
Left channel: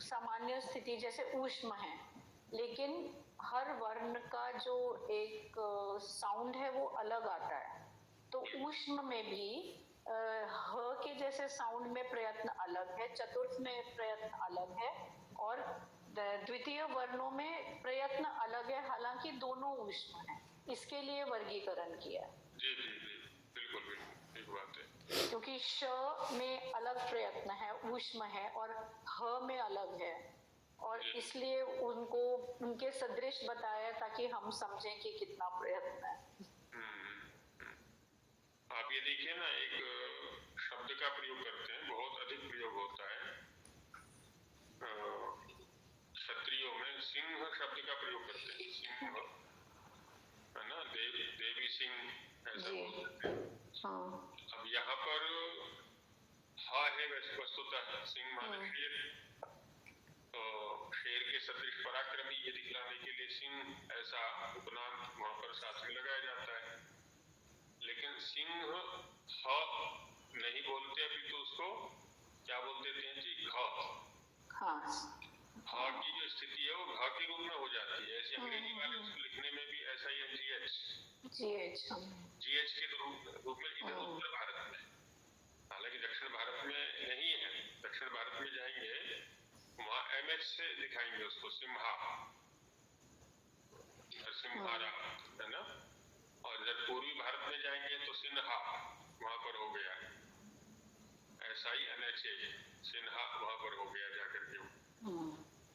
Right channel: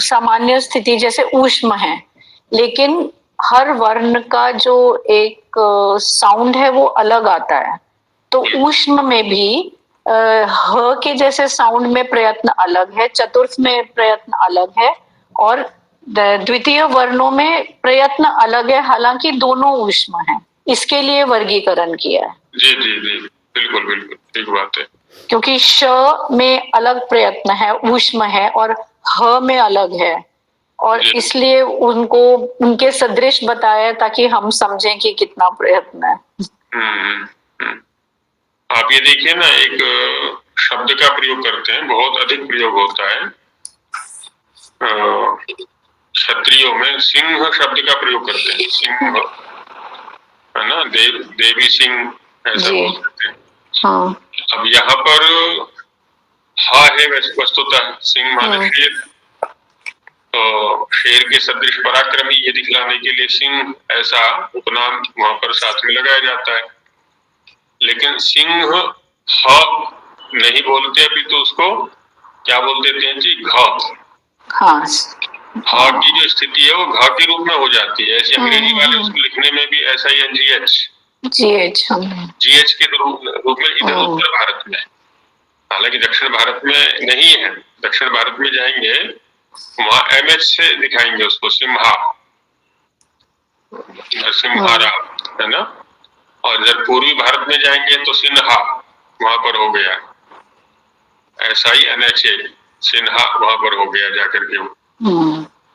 सामान्य स्थिति जैसे ऊष्म है, लेकिन हर वर्ण का जो एक साउंड है वो अलग आता है। तो ऊष्म में भी ह के जैसे साउंड में प्रयत्न अलग है, चतुर्थ में प्रयत्न अलग है, और द्वितीय वर्णों में प्रयत्न अलग है, हालांकि दोनों ऊष्म हैं। इसके लिए वर्गीकरण किया है। जी जी जी बिल्कुल बिल्कुल ठीक बात है। क्योंकि श में अलग प्रयत्न है, ऊष्म है, और ह में अलग है, और इसलिए उनको उनके सदृश बताया ताकि हम समझें कि कितना प्रयत्न है। आप ये देखिए ना, एक शब्द का प्रयोग करते हैं, बहुत अधिक प्रयोग होता है क्षत्रियों में। सिंह शब्द का प्रयोग करते हैं, सिंह, है ना। देवी सिंह ऐसा बोल सकते हैं। हाँ। अब यहाँ पर हा है वस्तुतः, सिंह माने शेर, तो शेर के सदृश पराक्रमी ये दिखलाने के लिए सिंह ऐसा उपनाम वहां पर साथ में लगाया जाता है। लेकिन सिंह ह नहीं बोलते, अभी तो उसको क्या बोल देते हैं जी, घ। हाँ। हा की जो स्थिति है वो घ के रूप में हो जाती है। ऐसे अंग्रेजी वाले उसको लिखने में भी ऐसा ही जीएच के रूप में इधर उत्तर भारत में, हालांकि दक्षिण भारत में नहीं है। दक्षिण भारत में जाएंगे वहां एमएच से दिखाएंगे उसको, सिम्हा, सिम्हारा, है ना। और इधर पूर्वी भारत में जाएंगे तो सिन्हा वहां पर हो गया। ऐसा ही एनएचए सिन्हा वहां पर हो गया जाकर के।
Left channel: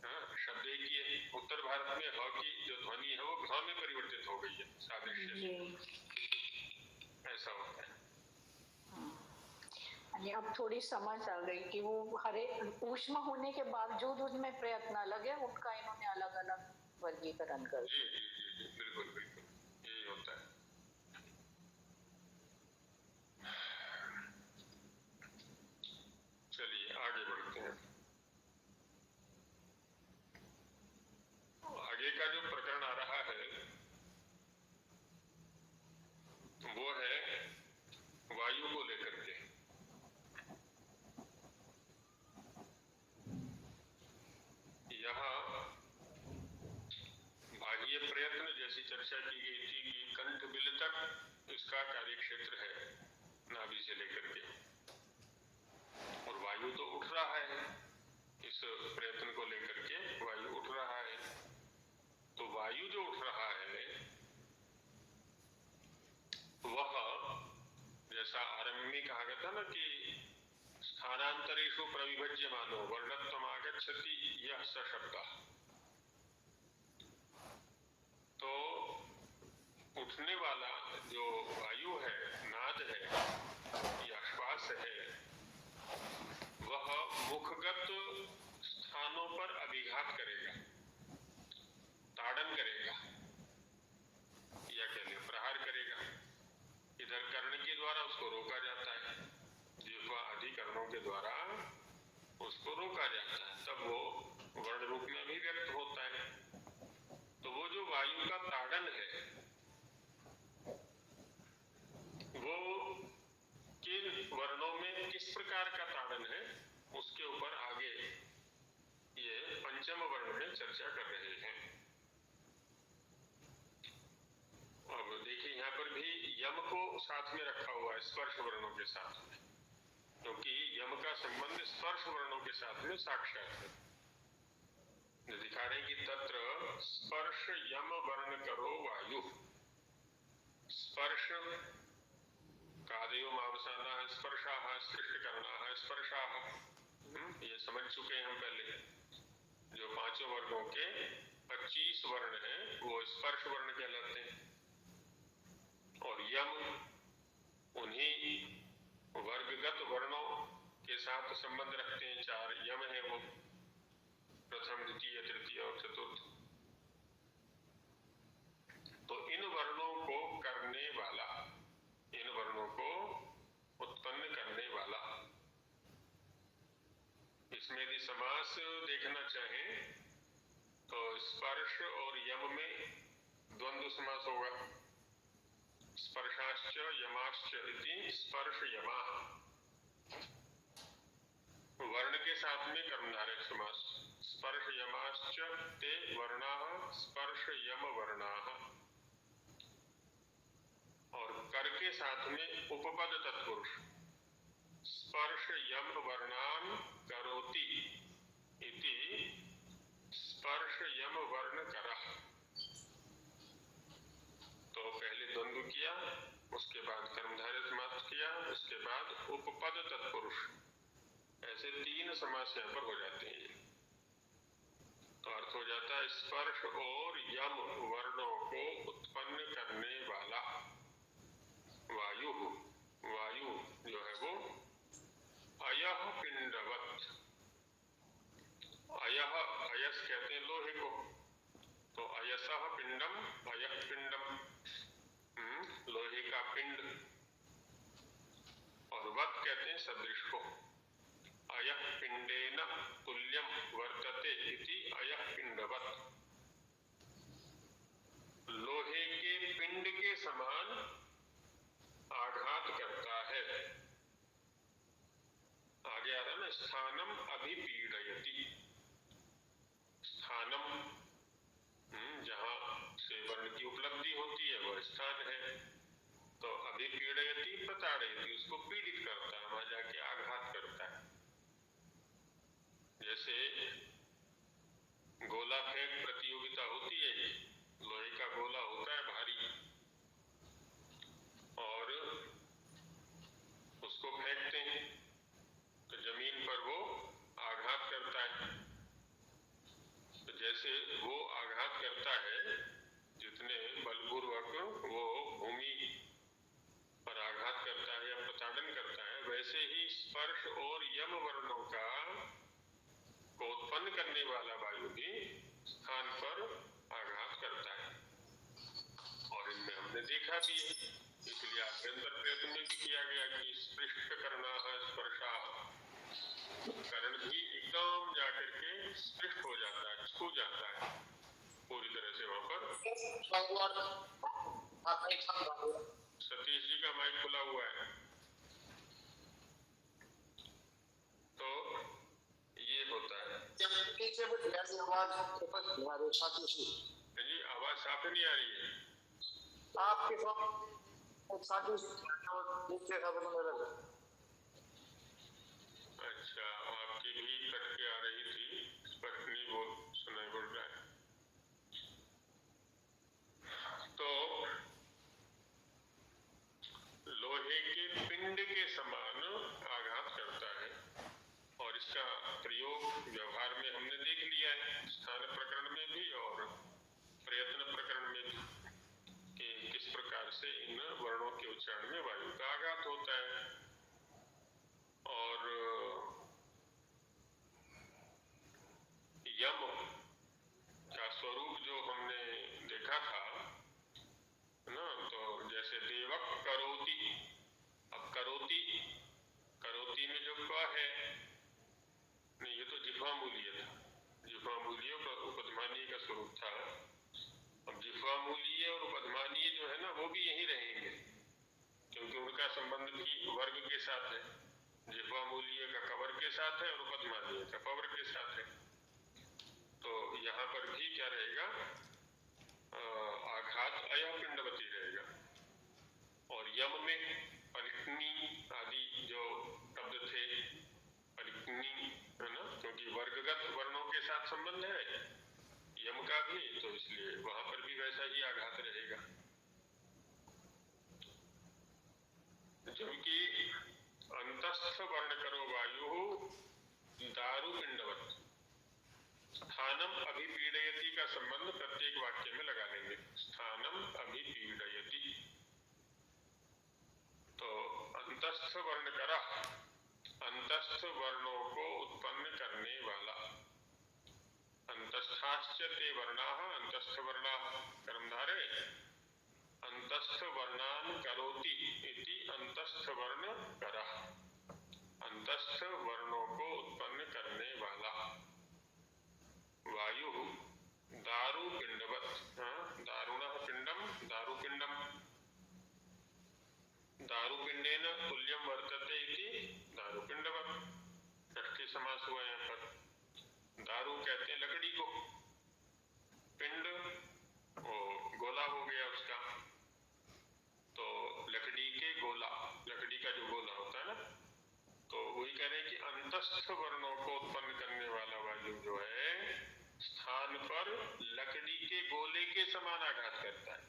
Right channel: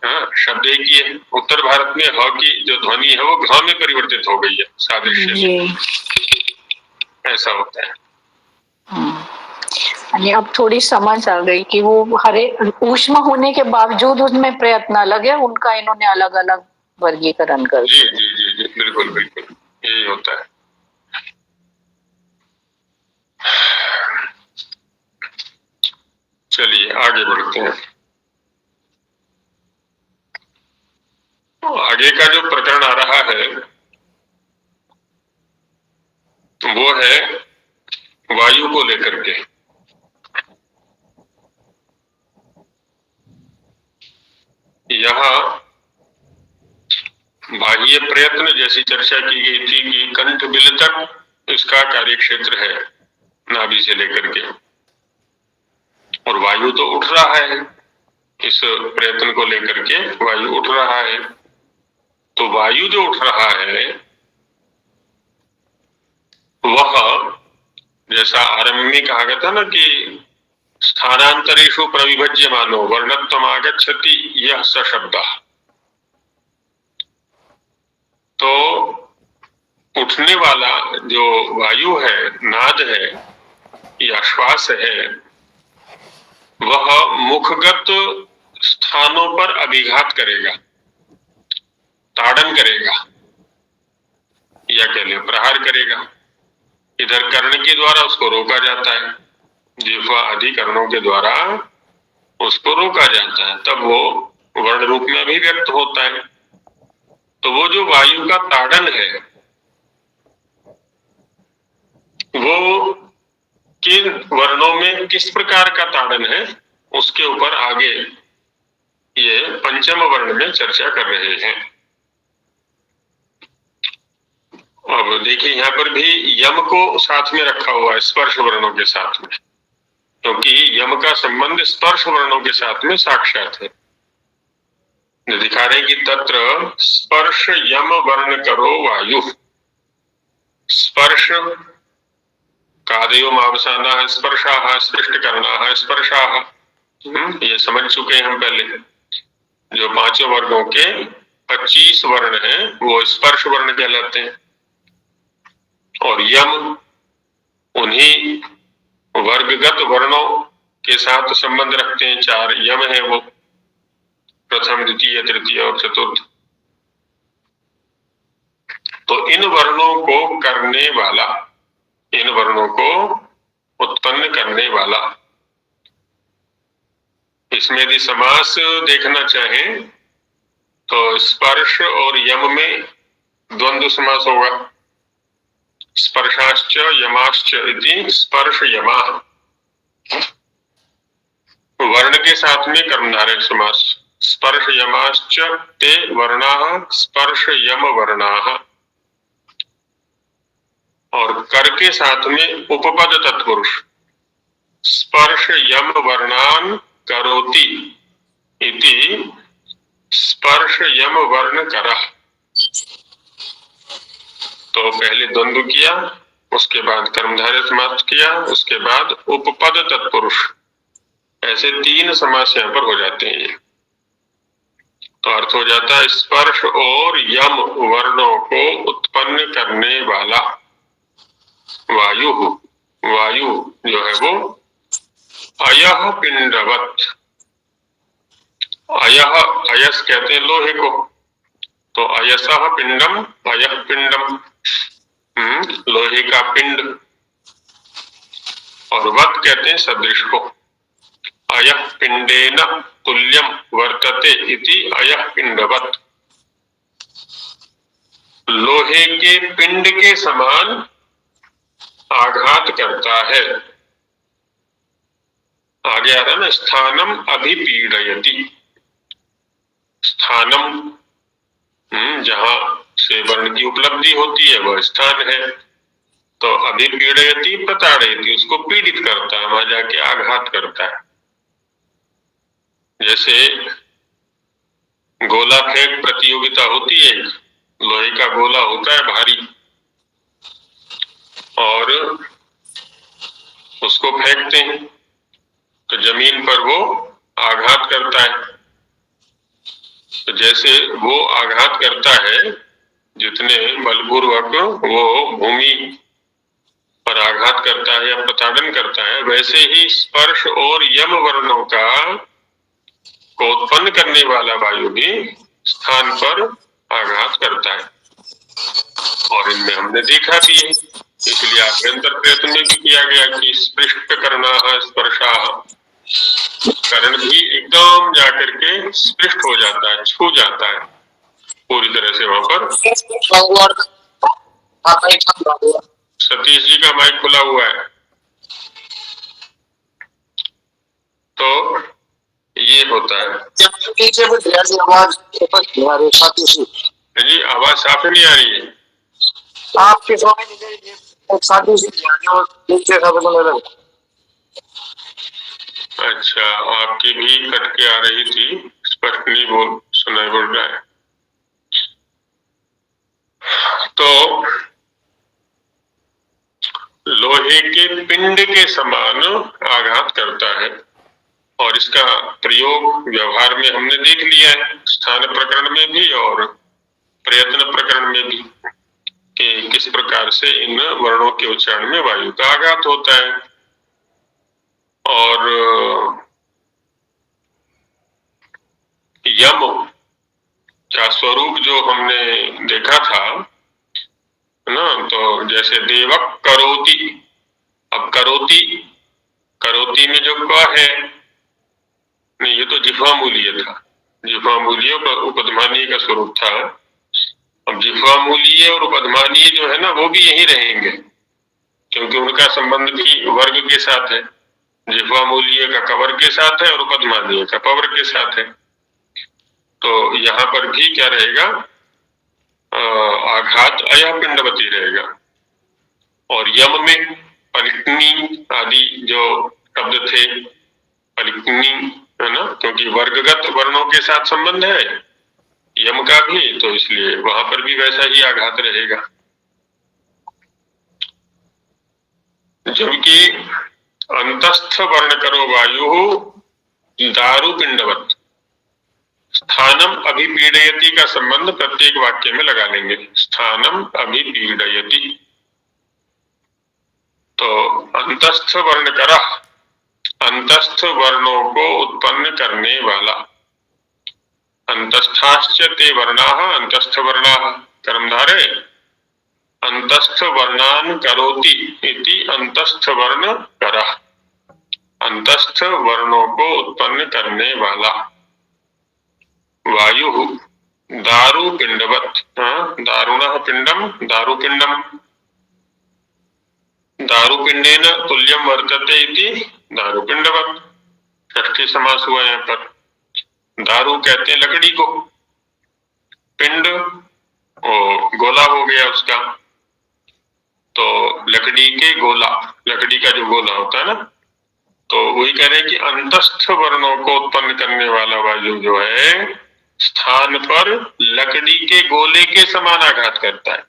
हाँ, शब्द एक ही है। उत्तर भारत में ह की जो ध्वनि है वो घ में परिवर्तित हो गई है सादृश्य में। ऐसा होता है। अब थोड़ी समझ आ गई कि वो हरे ऊष्म होने के बावजूद उसमें प्रयत्न अलग है, उनका इन्होंने अलग अलग वर्गीकरण कर दिया। जी जी जी जी बिल्कुल बिल्कुल यही होता है। चलिए आगे बढ़ते हैं। आगे का जो प्रकरण आ रहा है वायु को लेकर के। यहाँ बाह्य प्रयत्न जैसी चर्चा की गई थी कि कंठ बिल तक इसका कार्य क्षेत्र है, नाभि से लेकर के, और वायु तो उठ रहा है, इस प्रयत्न को लेकर के वायु उठ रहा है। तो वायु जो उठ रहा है वह, जैसा आरंभ में कहा गया था ना कि स्थानांतरेषु प्रविभज्यमानो वर्णत्वम आगच्छति यह स शब्दः, तो उठने वाला जो वायु है, नाद है या श्वास है, वह मुखगत स्थानों पर अभिघात करेगा, ताड़न करेगा, या कह ले प्रहार करेगा। इधर कर्ण के द्वारा उसको रोका जाता है, जिह्वा आदि कर्णों के द्वारा उसको रोका जाता है, तब वो वर्ण रूप में अभिव्यक्त होता है। तो वो जो वायु का ताड़न है वो किन वर्णों में किस प्रकार का ताड़न है, उसके ऊपर आगे ये पंचम वर्ण में चर्चा कर रहे हैं। अब देखिए यहाँ पर भी यम को साथ में रखा हुआ है स्पर्श वर्णों के साथ में, क्योंकि यम का संबंध स्पर्श वर्णों के साथ में साक्षात है। दिखा रहे कि तत्र स्पर्श यम वर्ण करो वायु, स्पर्श कादयो मावसाना है, स्पर्शाः स्पृष्ट करना है, स्पर्शाः, ये समझ चुके हैं हम पहले। जो पांचों वर्गों के 25 वर्ण हैं वो स्पर्श वर्ण कहलाते हैं, और यम उन्हीं वर्गगत वर्णों के साथ संबंध रखते हैं। 4 यम है वो, प्रथम द्वितीय तृतीय और चतुर्थ। तो इन वर्णों को करने वाला, इन वर्णों को उत्पन्न करने वाला, इसमें यदि समास देखना चाहें तो स्पर्श और यम में द्वंद्व समास होगा। स्पर्शाश्च यमाश्च इति स्पर्श यमा, वर्ण के साथ में कर्मधारय समास। स्पर्श यमाश्च ते वर्णाः स्पर्श यम वर्णाः, और कर के साथ में उपपद तत्पुरुष स्पर्श यम वर्णान करोति इति स्पर्श यम वर्ण करः। तो पहले द्वंद्व किया, उसके बाद कर्मधारय समास किया, उसके बाद उपपद तत्पुरुष, ऐसे 3 समास यहाँ पर हो जाते हैं। ये तो अर्थ हो जाता है स्पर्श और यम वर्णों को उत्पन्न करने वाला वायु। वायु जो है वो अयः पिंडवत, अयः, अयस कहते हैं लोहे को, तो अयसः पिंडम, अयः पिंडम, लोहे का पिंड, और वत कहते हैं सदृश को। अयः पिंडेन तुल्यम वर्तते इति अयः पिंडवत, लोहे के पिंड के समान आघात करता है। आगे आ रहा ना, स्थानम अभिपीडयति, स्थानम जहां से वर्ण की उपलब्धि होती है वह स्थान है, तो अभिपीडयति प्रताड़यति, उसको पीड़ित करता है, वहां जाके आघात करता है। जैसे गोला फेंक प्रतियोगिता होती है, लोहे का गोला होता है भारी, और उसको फेंकते हैं तो जमीन पर वो आघात करता है। तो जैसे वो आघात करता है, जितने बलपूर्वक वो भूमि पर आघात करता है या प्रताड़न करता है, वैसे ही स्पर्श और यम वर्णों को उत्पन्न करने वाला वायु भी स्थान पर आघात करता है। और इनमें हमने देखा भी है, इसलिए आभ्यंतर प्रयत्न में भी किया गया कि स्पृष्ट करना है, स्पर्शा, कर्ण भी एकदम जाकर के स्पृष्ट हो जाता है, छू जाता है पूरी तरह से वहां पर। सतीश जी का माइक खुला हुआ है। तो ये होता है। जी आवाज साफ नहीं आ रही है आपके अच्छा, आपकी भी कट के आ रही थी, स्पष्ट नहीं सुनाई बोल रहा है। तो लोहे के पिंड के समान आघात करता है, और इसका प्रयोग व्यवहार में हमने देख लिया है, स्थान प्रकरण में भी और प्रयत्न प्रकरण में भी, कि किस प्रकार से इन वर्णों के उच्चारण में वायु का आघात होता है। और यम का स्वरूप जो हमने देखा था ना, तो जैसे देवक करोति, अब करोति, करोति में जो क है, नहीं ये तो जिह्वा मूलीय था, जिह्वा मूलीय उपधमानीय का स्वरूप था। अब जिह्वा मूलीय और उपधमानीय जो है ना, वो भी यही रहेंगे, क्योंकि उनका संबंध भी वर्ग के साथ है। जिह्वा मूलीय का कवर के साथ है और उपधमानीय का पवर के साथ है। तो यहाँ पर भी क्या रहेगा, आघात अयः पिंडवती रहेगा। और यम में पलिकनी आदि जो शब्द थे, पलिकनी है ना, क्योंकि वर्गगत वर्णों के साथ संबंध है यम का भी, तो इसलिए वहां पर भी वैसा ही आघात रहेगा। जबकि अंतस्थ वर्ण करो वायु दारु पिंडवत, स्थानम अभिपीडयति का संबंध प्रत्येक वाक्य में लगा लेंगे। स्थानम अभिपीडयति, तो अंतस्थ वर्ण कर, अंतस्थ वर्णों को उत्पन्न करने वाला। अंतस्थाश्च ते वर्णाः अंतस्थ वर्णाः, कर्मधारे अंतस्थ वर्णान करोति इति अंतस्थ वर्ण करः, अंतस्थ वर्णों को उत्पन्न करने वाला। वायु दारु पिंडवत, दारुणः पिंडम दारुपिंडम, दारुपिंडेन तुल्यम वर्तते इति दारुपिंडवत। षष्ठी समास हुआ यहाँ पर। दारू कहते हैं लकड़ी को, पिंड ओ गोला हो गया उसका, तो लकड़ी के गोला, लकड़ी का जो गोला होता है ना, तो वही कह रहे हैं कि अंतस्थ वर्णों को उत्पन्न करने वाला वायु जो है स्थान पर लकड़ी के गोले के समान आघात करता है।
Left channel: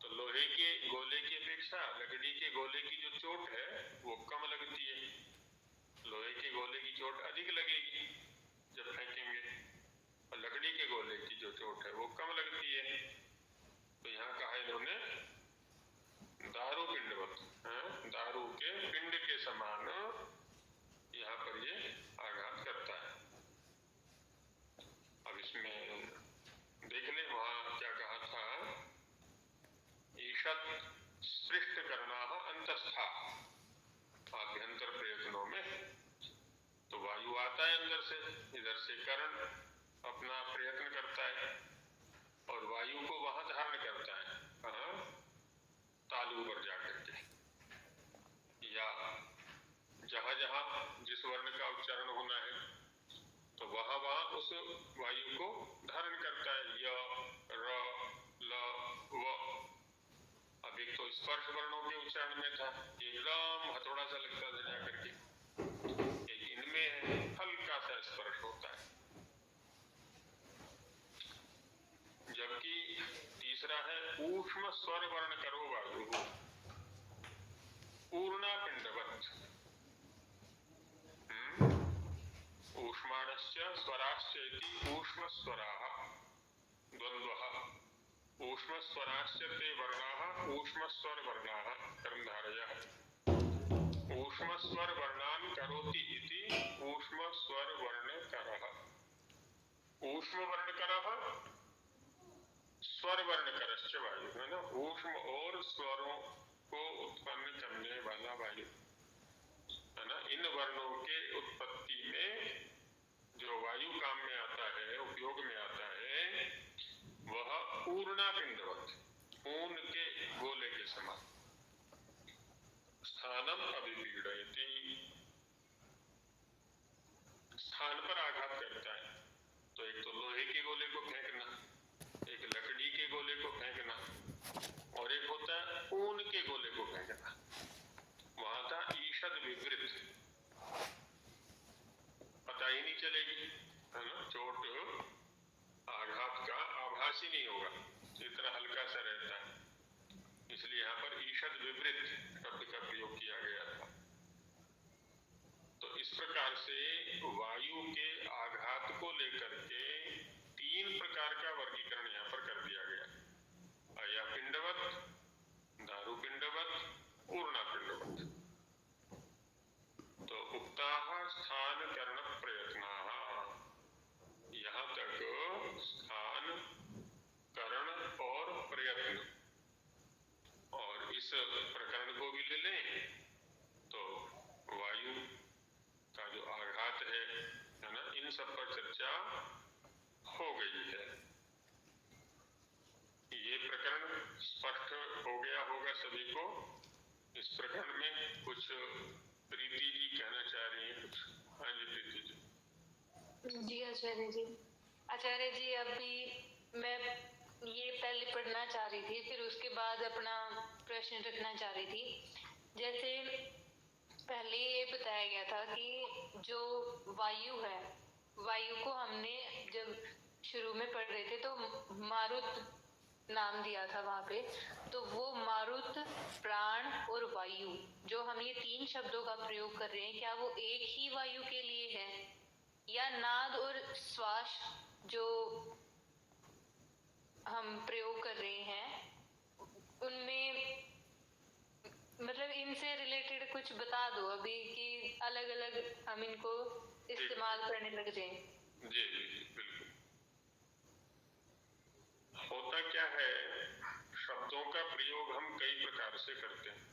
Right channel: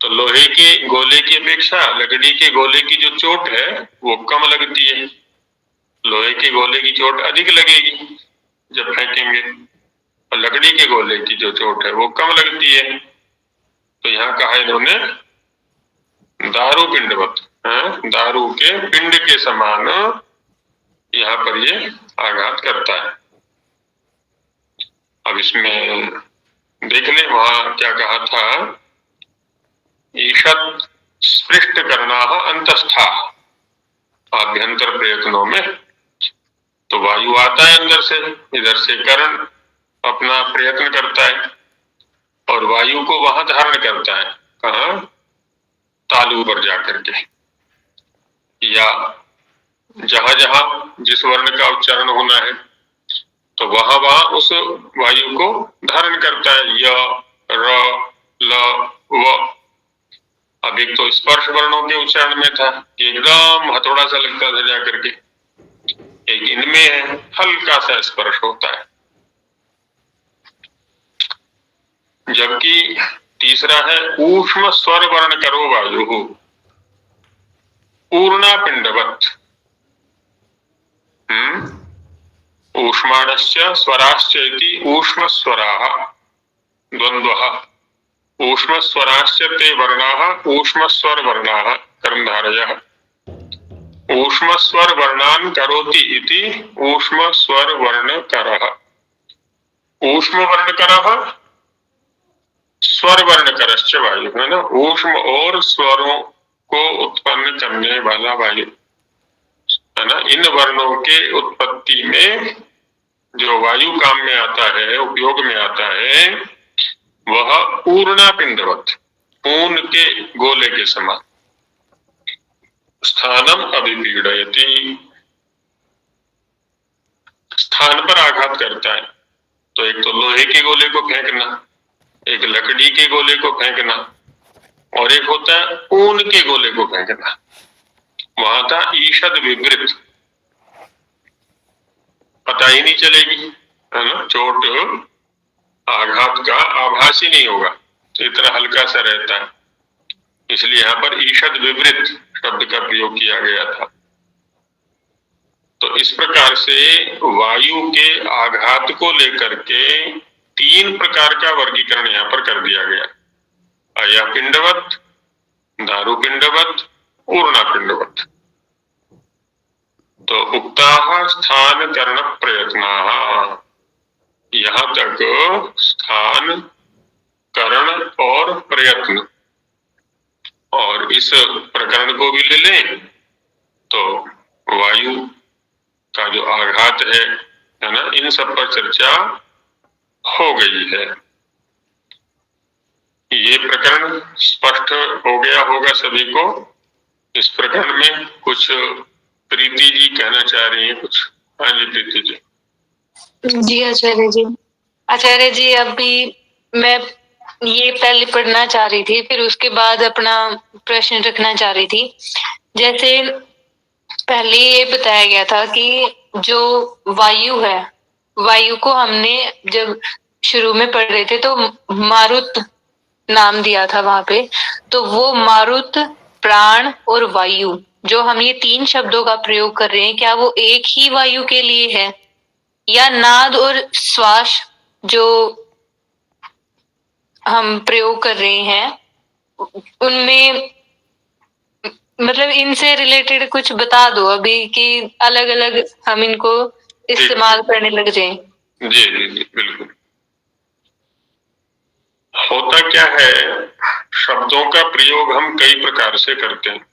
तो लोहे के गोले की अपेक्षा लकड़ी के गोले की जो चोट है वो कम लगती है, लोहे के गोले की चोट अधिक लगेगी जब फेंकेंगे, और लकड़ी के गोले की जो चोट है वो कम लगती है। तो यहाँ कहा इन्होंने दारू पिंडवत, दारू के पिंड के समान यहाँ पर ये आघात करता है। अब इसमें देख ले वहां क्या कहा था, ईषत् स्पृष्ट करना अंतस्था, आभ्यंतर प्रयत्नों में तो वायु आता है अंदर से, इधर से कर्ण अपना प्रयत्न करता है और वायु को वहां धारण करता है, कहाँ, तालु पर जाकर के, या जहां जहां जिस वर्ण का उच्चारण होना है तो वहां वहां उस वायु को धारण करता है। य र ल व, अब एक तो स्पर्श वर्णों के उच्चारण में था कि एकदम हथौड़ा सा लगता था जाकर के, एक इनमें है हल्का सा स्पर्श होता है। जबकि तीसरा है ऊष्म स्वर वर्ण करो वायु पूर्णा पिंडवत, ऊष्माणश्च स्वराश्च इति ऊष्म स्वराः द्वन्द्वः, ऊष्म स्वराश्च ते वर्णाः ऊष्म स्वर वर्णाः कर्मधारयः, ऊष्म स्वर वर्णान करोति इति ऊष्म स्वर वर्ण करः, ऊष्म वर्ण करः स्वर वर्ण करश्च वायु, है ना, ऊष्म और स्वरों को उत्पन्न करने वाला वायु, है ना। इन वर्णों के उत्पत्ति में जो वायु काम में आता है, उपयोग में आता है, वह पूर्णा पिंडवत, पूर्ण के गोले के समान, स्थानम अभिपीडयति, स्थान पर आघात करता है, तो एक तो लोहे के गोले को फेंकना, एक लकड़ी के गोले को फेंकना, और एक होता है ऊन के गोले को फेंकना। वहां था ईषद विवृत, पता ही नहीं चलेगी, है ना, चोट आघात का आभास ही नहीं होगा, तो इतना हल्का सा रहता है, इसलिए यहाँ पर ईषद विवृत शब्द का प्रयोग किया गया था। तो इस प्रकार से वायु के आघात को लेकर के 3 प्रकार का वर्गीकरण यहाँ पर कर दिया गया, अयपिंडवत, दारुपिंडवत, ऊर्णापिंडवत। तो उक्ताः स्थान करण प्रयत्नाः, यहाँ तक स्थान, करण और प्रयत्न, और इस प्रकरण को भी ले लें तो वायु का जो आघात है ना, इन सब पर चर्चा हो गई है। ये प्रकरण स्पष्ट हो गया होगा सभी को। इस प्रकरण में कुछ प्रीति जी कहना चाह रही हैं कुछ? हाँ जी प्रीति जी। जी आचार्य जी अभी मैं ये पहले पढ़ना चाह रही थी, फिर उसके बाद अपना प्रश्न रखना चाह रही थी। जैसे पहले ये बताया गया था कि जो वायु है, वायु को हमने जब शुरू में पढ़ रहे थे तो मारुत नाम दिया था वहां पे, तो वो मारुत, प्राण और वायु, जो हम ये 3 शब्दों का प्रयोग कर रहे हैं, क्या वो एक ही वायु के लिए है, या नाद और श्वास जो हम प्रयोग कर रहे हैं उनमें, मतलब इनसे रिलेटेड कुछ बता दो अभी कि अलग अलग हम इनको इस्तेमाल करने लग जाएं। जी जी जी बिल्कुल। होता क्या है, शब्दों का प्रयोग हम कई प्रकार से करते हैं।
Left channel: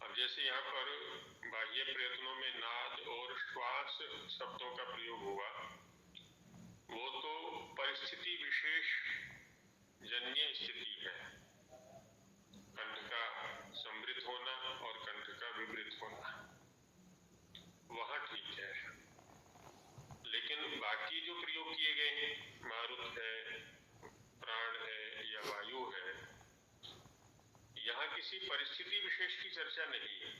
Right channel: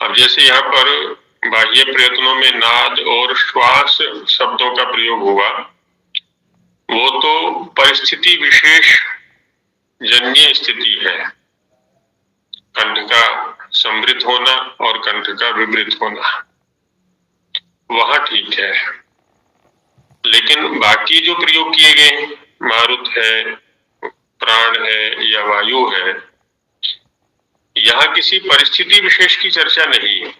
अब जैसे यहाँ पर बाह्य प्रयत्नों में नाद और श्वास शब्दों का प्रयोग हुआ, वो तो परिस्थिति विशेष जन्य स्थिति है, कंठ का समृद्ध होना और कंठ का विवृत होना, वहां ठीक है। लेकिन बाकी जो प्रयोग किए गए, मारुत है, प्राण है या वायु है, यहाँ किसी परिस्थिति विशेष की चर्चा नहीं है।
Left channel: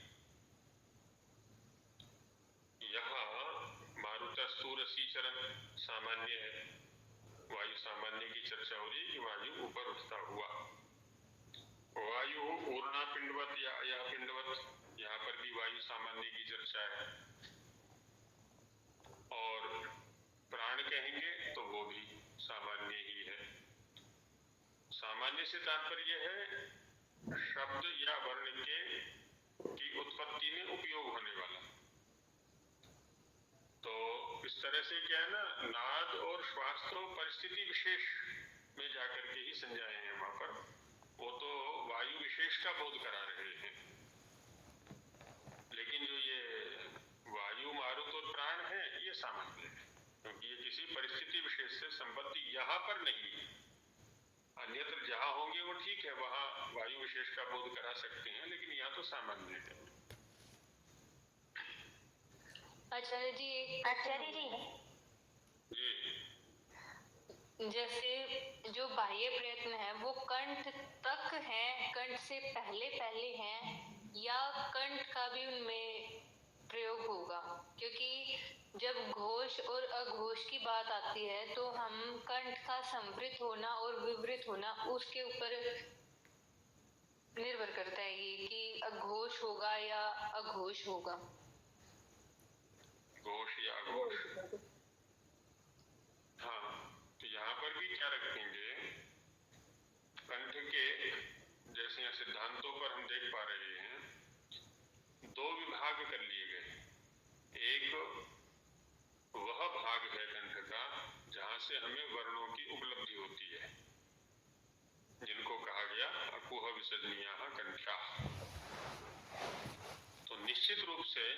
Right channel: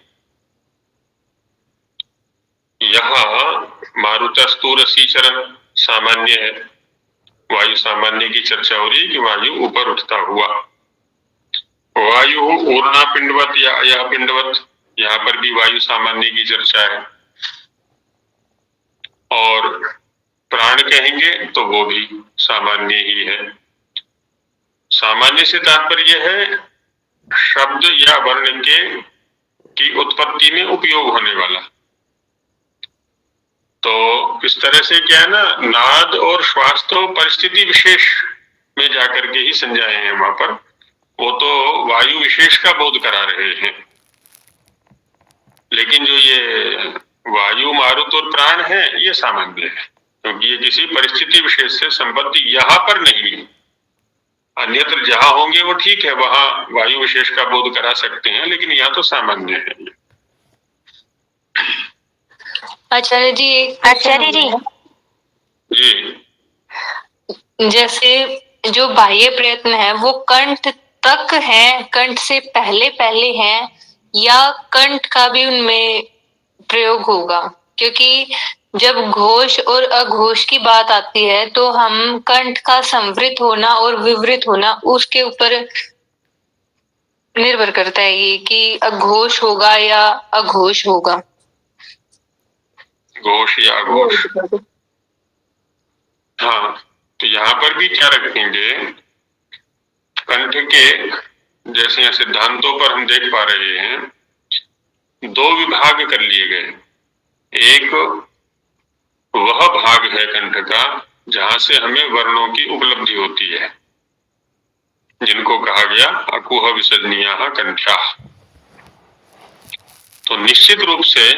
यहाँ मारुतस्तु रसीचरण सामान्य है, वायु सामान्य की चर्चा हो रही है कि वायु ऊपर उठता हुआ। वायु ऊर्णा पिंडवत या अयः पिंडवत, यहाँ पर भी वायु सामान्य की चर्चा है। और प्राण कहेंगे तो वो भी सामान्य ही है। सामान्य से तात्पर्य है शब्द या वर्ण की उत्पत्ति में उपयोग होने वाला। तो इस तरह से क्या है ना, नाद और श्वास तो परिस्थिति विशेष में जाकर के ही समझाए हैं, वहां पर वो तो वायु विशेष का बोध करा रहे हैं। लेकिन जो ये वायु, मारुत और प्राण है, ये सामान्य है, क्योंकि ये किसी परिस्थिति विशेष से संबद्ध यहाँ पर नहीं है। अन्यत्र जहां होंगे वो ठीक है, वहां वायु विशेष का बोध करा सकते हैं, लेकिन यहाँ तो सामान्य है। आचार्य जी जी जैसे जो बाह्य प्रयत्न है वो कंठ तक है, कंठ से पहले है, या कंठ का भी उनमें प्रयोग होगा? क्योंकि जब घोष और अघोष की बात आती है तो हम कंठ का संवृत होना और विवृत होना उसके ऊपर निर्भर करता है ये कि अघोष होगा या अघोष होगा। घोष या अघोष, हाँ। तो यहाँ पर भी क्या रखेंगे, कंठ के जैसे यहाँ सिद्धांतों पर हम देख पा रहे हैं, 2 विभाग कर लिए गए। एक वह भाग है कंठ का जहां से हमें वर्णों की उपलब्धि होती है, जिनको कहा गया अकुह विसर्जनीयाः कंठाः। तो निश्चित रूप से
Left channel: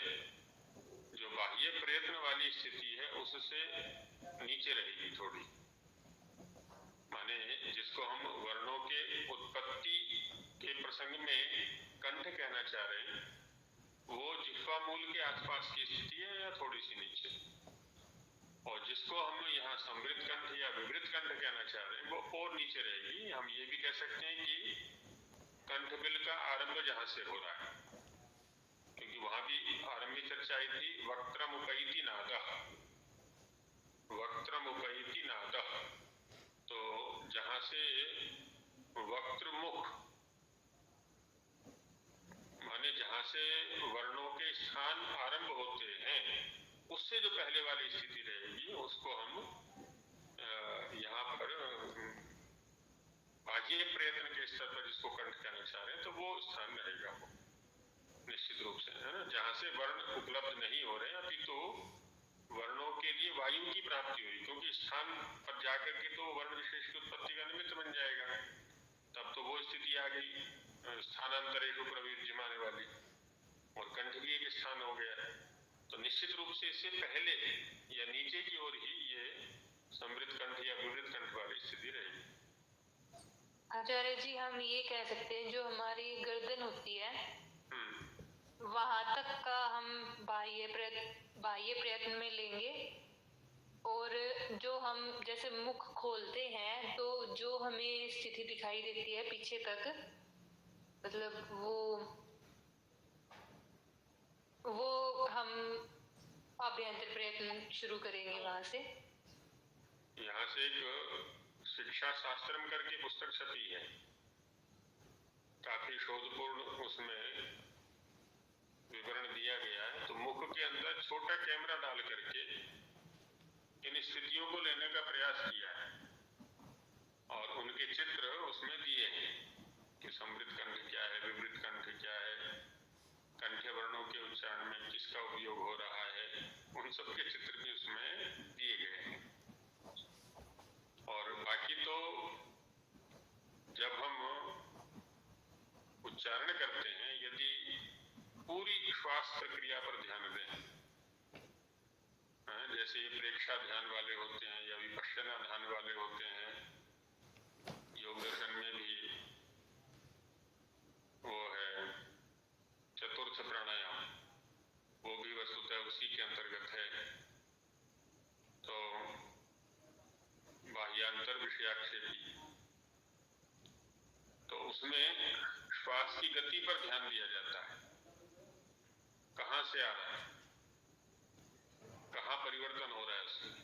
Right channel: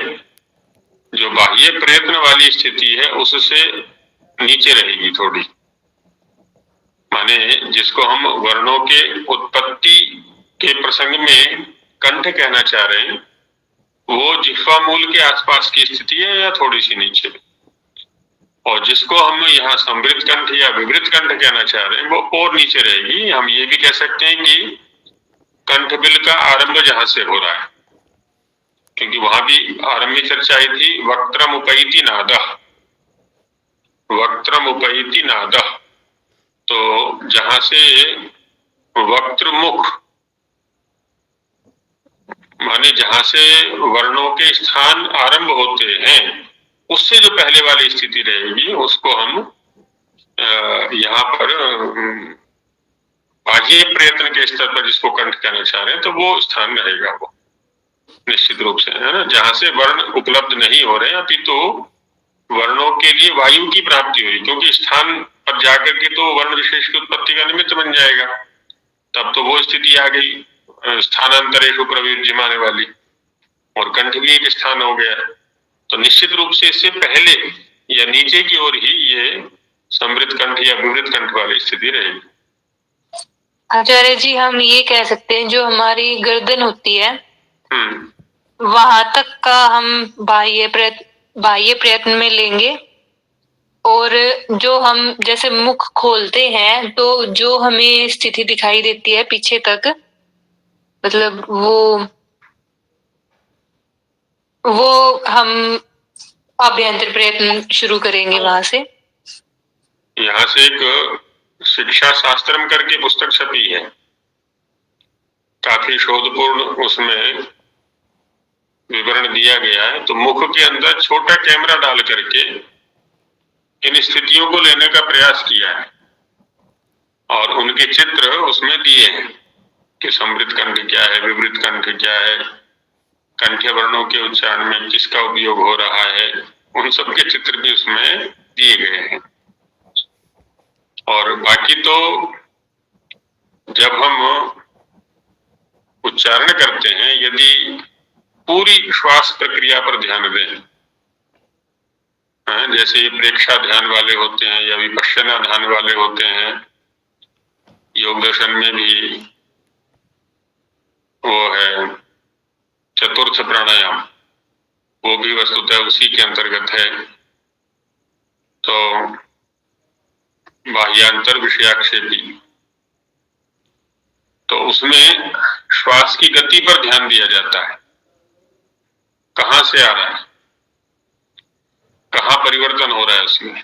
जो बाह्य प्रयत्न वाली स्थिति है उससे नीचे रहेगी थोड़ी, माने जिसको हम वर्णों के उत्पत्ति के प्रसंग में कंठ कहना चाह रहे हैं, वो जिह्वा मूल के आसपास की स्थिति है या थोड़ी सी नीचे। और जिसको हम यहाँ समृद्ध कंठ या विवृत कंठ कहना चाह रहे हैं वो और नीचे रहेगी। हम ये भी कह सकते हैं कि कंठबिल का आरंभ जहां से हो रहा है, क्योंकि वहां भी आरंभ में चर्चा आई थी वक्त्रम उपैति नादः, वक्त्रम उपैति नादः। तो जहां से वक्त्र मुख माने जहां से वर्णों के स्थान आरंभ होते हैं उससे जो पहले वाली स्थिति रहेगी उसको हम यहाँ पर बाह्य प्रयत्न के स्तर पर जिसको कंठ कहना चाह रहे हैं तो वो स्थान रहेगा वो निश्चित रूप से, है ना, जहां से वर्ण उपलब्ध नहीं हो रहे हैं अपितु वर्णों के लिए वायु की प्राप्ति हुई, क्योंकि स्थान पर जाकर के तो वर्ण विशेष की उत्पत्ति का निमित्त बन जाएगा, तब तो वो स्थिति आ गई स्थानांतरेषु प्रविज्यमाने वाली, और कंठ भी एक स्थान हो गया। तो निश्चित रूप से इससे पहले या नीचे की ओर ही ये समृद्ध कंठ या विवृत कंठ वाली स्थिति रहेगी। आचार्य जी हम ये कह सकते हैं जो हमारी गर्दन होती है वहां तक का हम बाह्य प्रयत्न में लेंगे, और जो हम जैसे मुख खोलते हैं तो जो हमें स्थिति दिखाई देती है पीछे तक, मतलब वो हम अभ्यंतर प्रयत्न शुरू करेंगे वहां से। यहाँ से एक शिक्षा शास्त्रम करके पुस्तक छपी है, काफी शोधपूर्ण उसमें विवरण दिया गया है। तो मुख के अंदर छोटा कैमरा डाल करके इन स्थितियों को लेने का प्रयास किया है और उनके चित्र उसमें दिए हैं कि समृद्ध कंठ क्या है, विवृत कंठ क्या है, कंठ्य वर्णों के उच्चारण में किसका उपयोग हो रहा है, उन सब के चित्र भी उसमें दिए गए हैं। और बाकी तो जब हम उच्चारण करते हैं यदि पूरी श्वास प्रक्रिया पर ध्यान दें, जैसे ये प्रेक्षा ध्यान वाले होते हैं या विपश्यना ध्यान वाले होते हैं, योग दर्शन में भी वो है चतुर्थ प्राणायाम, वो भी वस्तुतः उसी के अंतर्गत है। तो बाह्यांतर विषयाक्षेपी, तो उसमें श्वास की गति पर ध्यान दिया जाता है, कहां से आ रहा है, कहां परिवर्तन हो रहा है उसमें।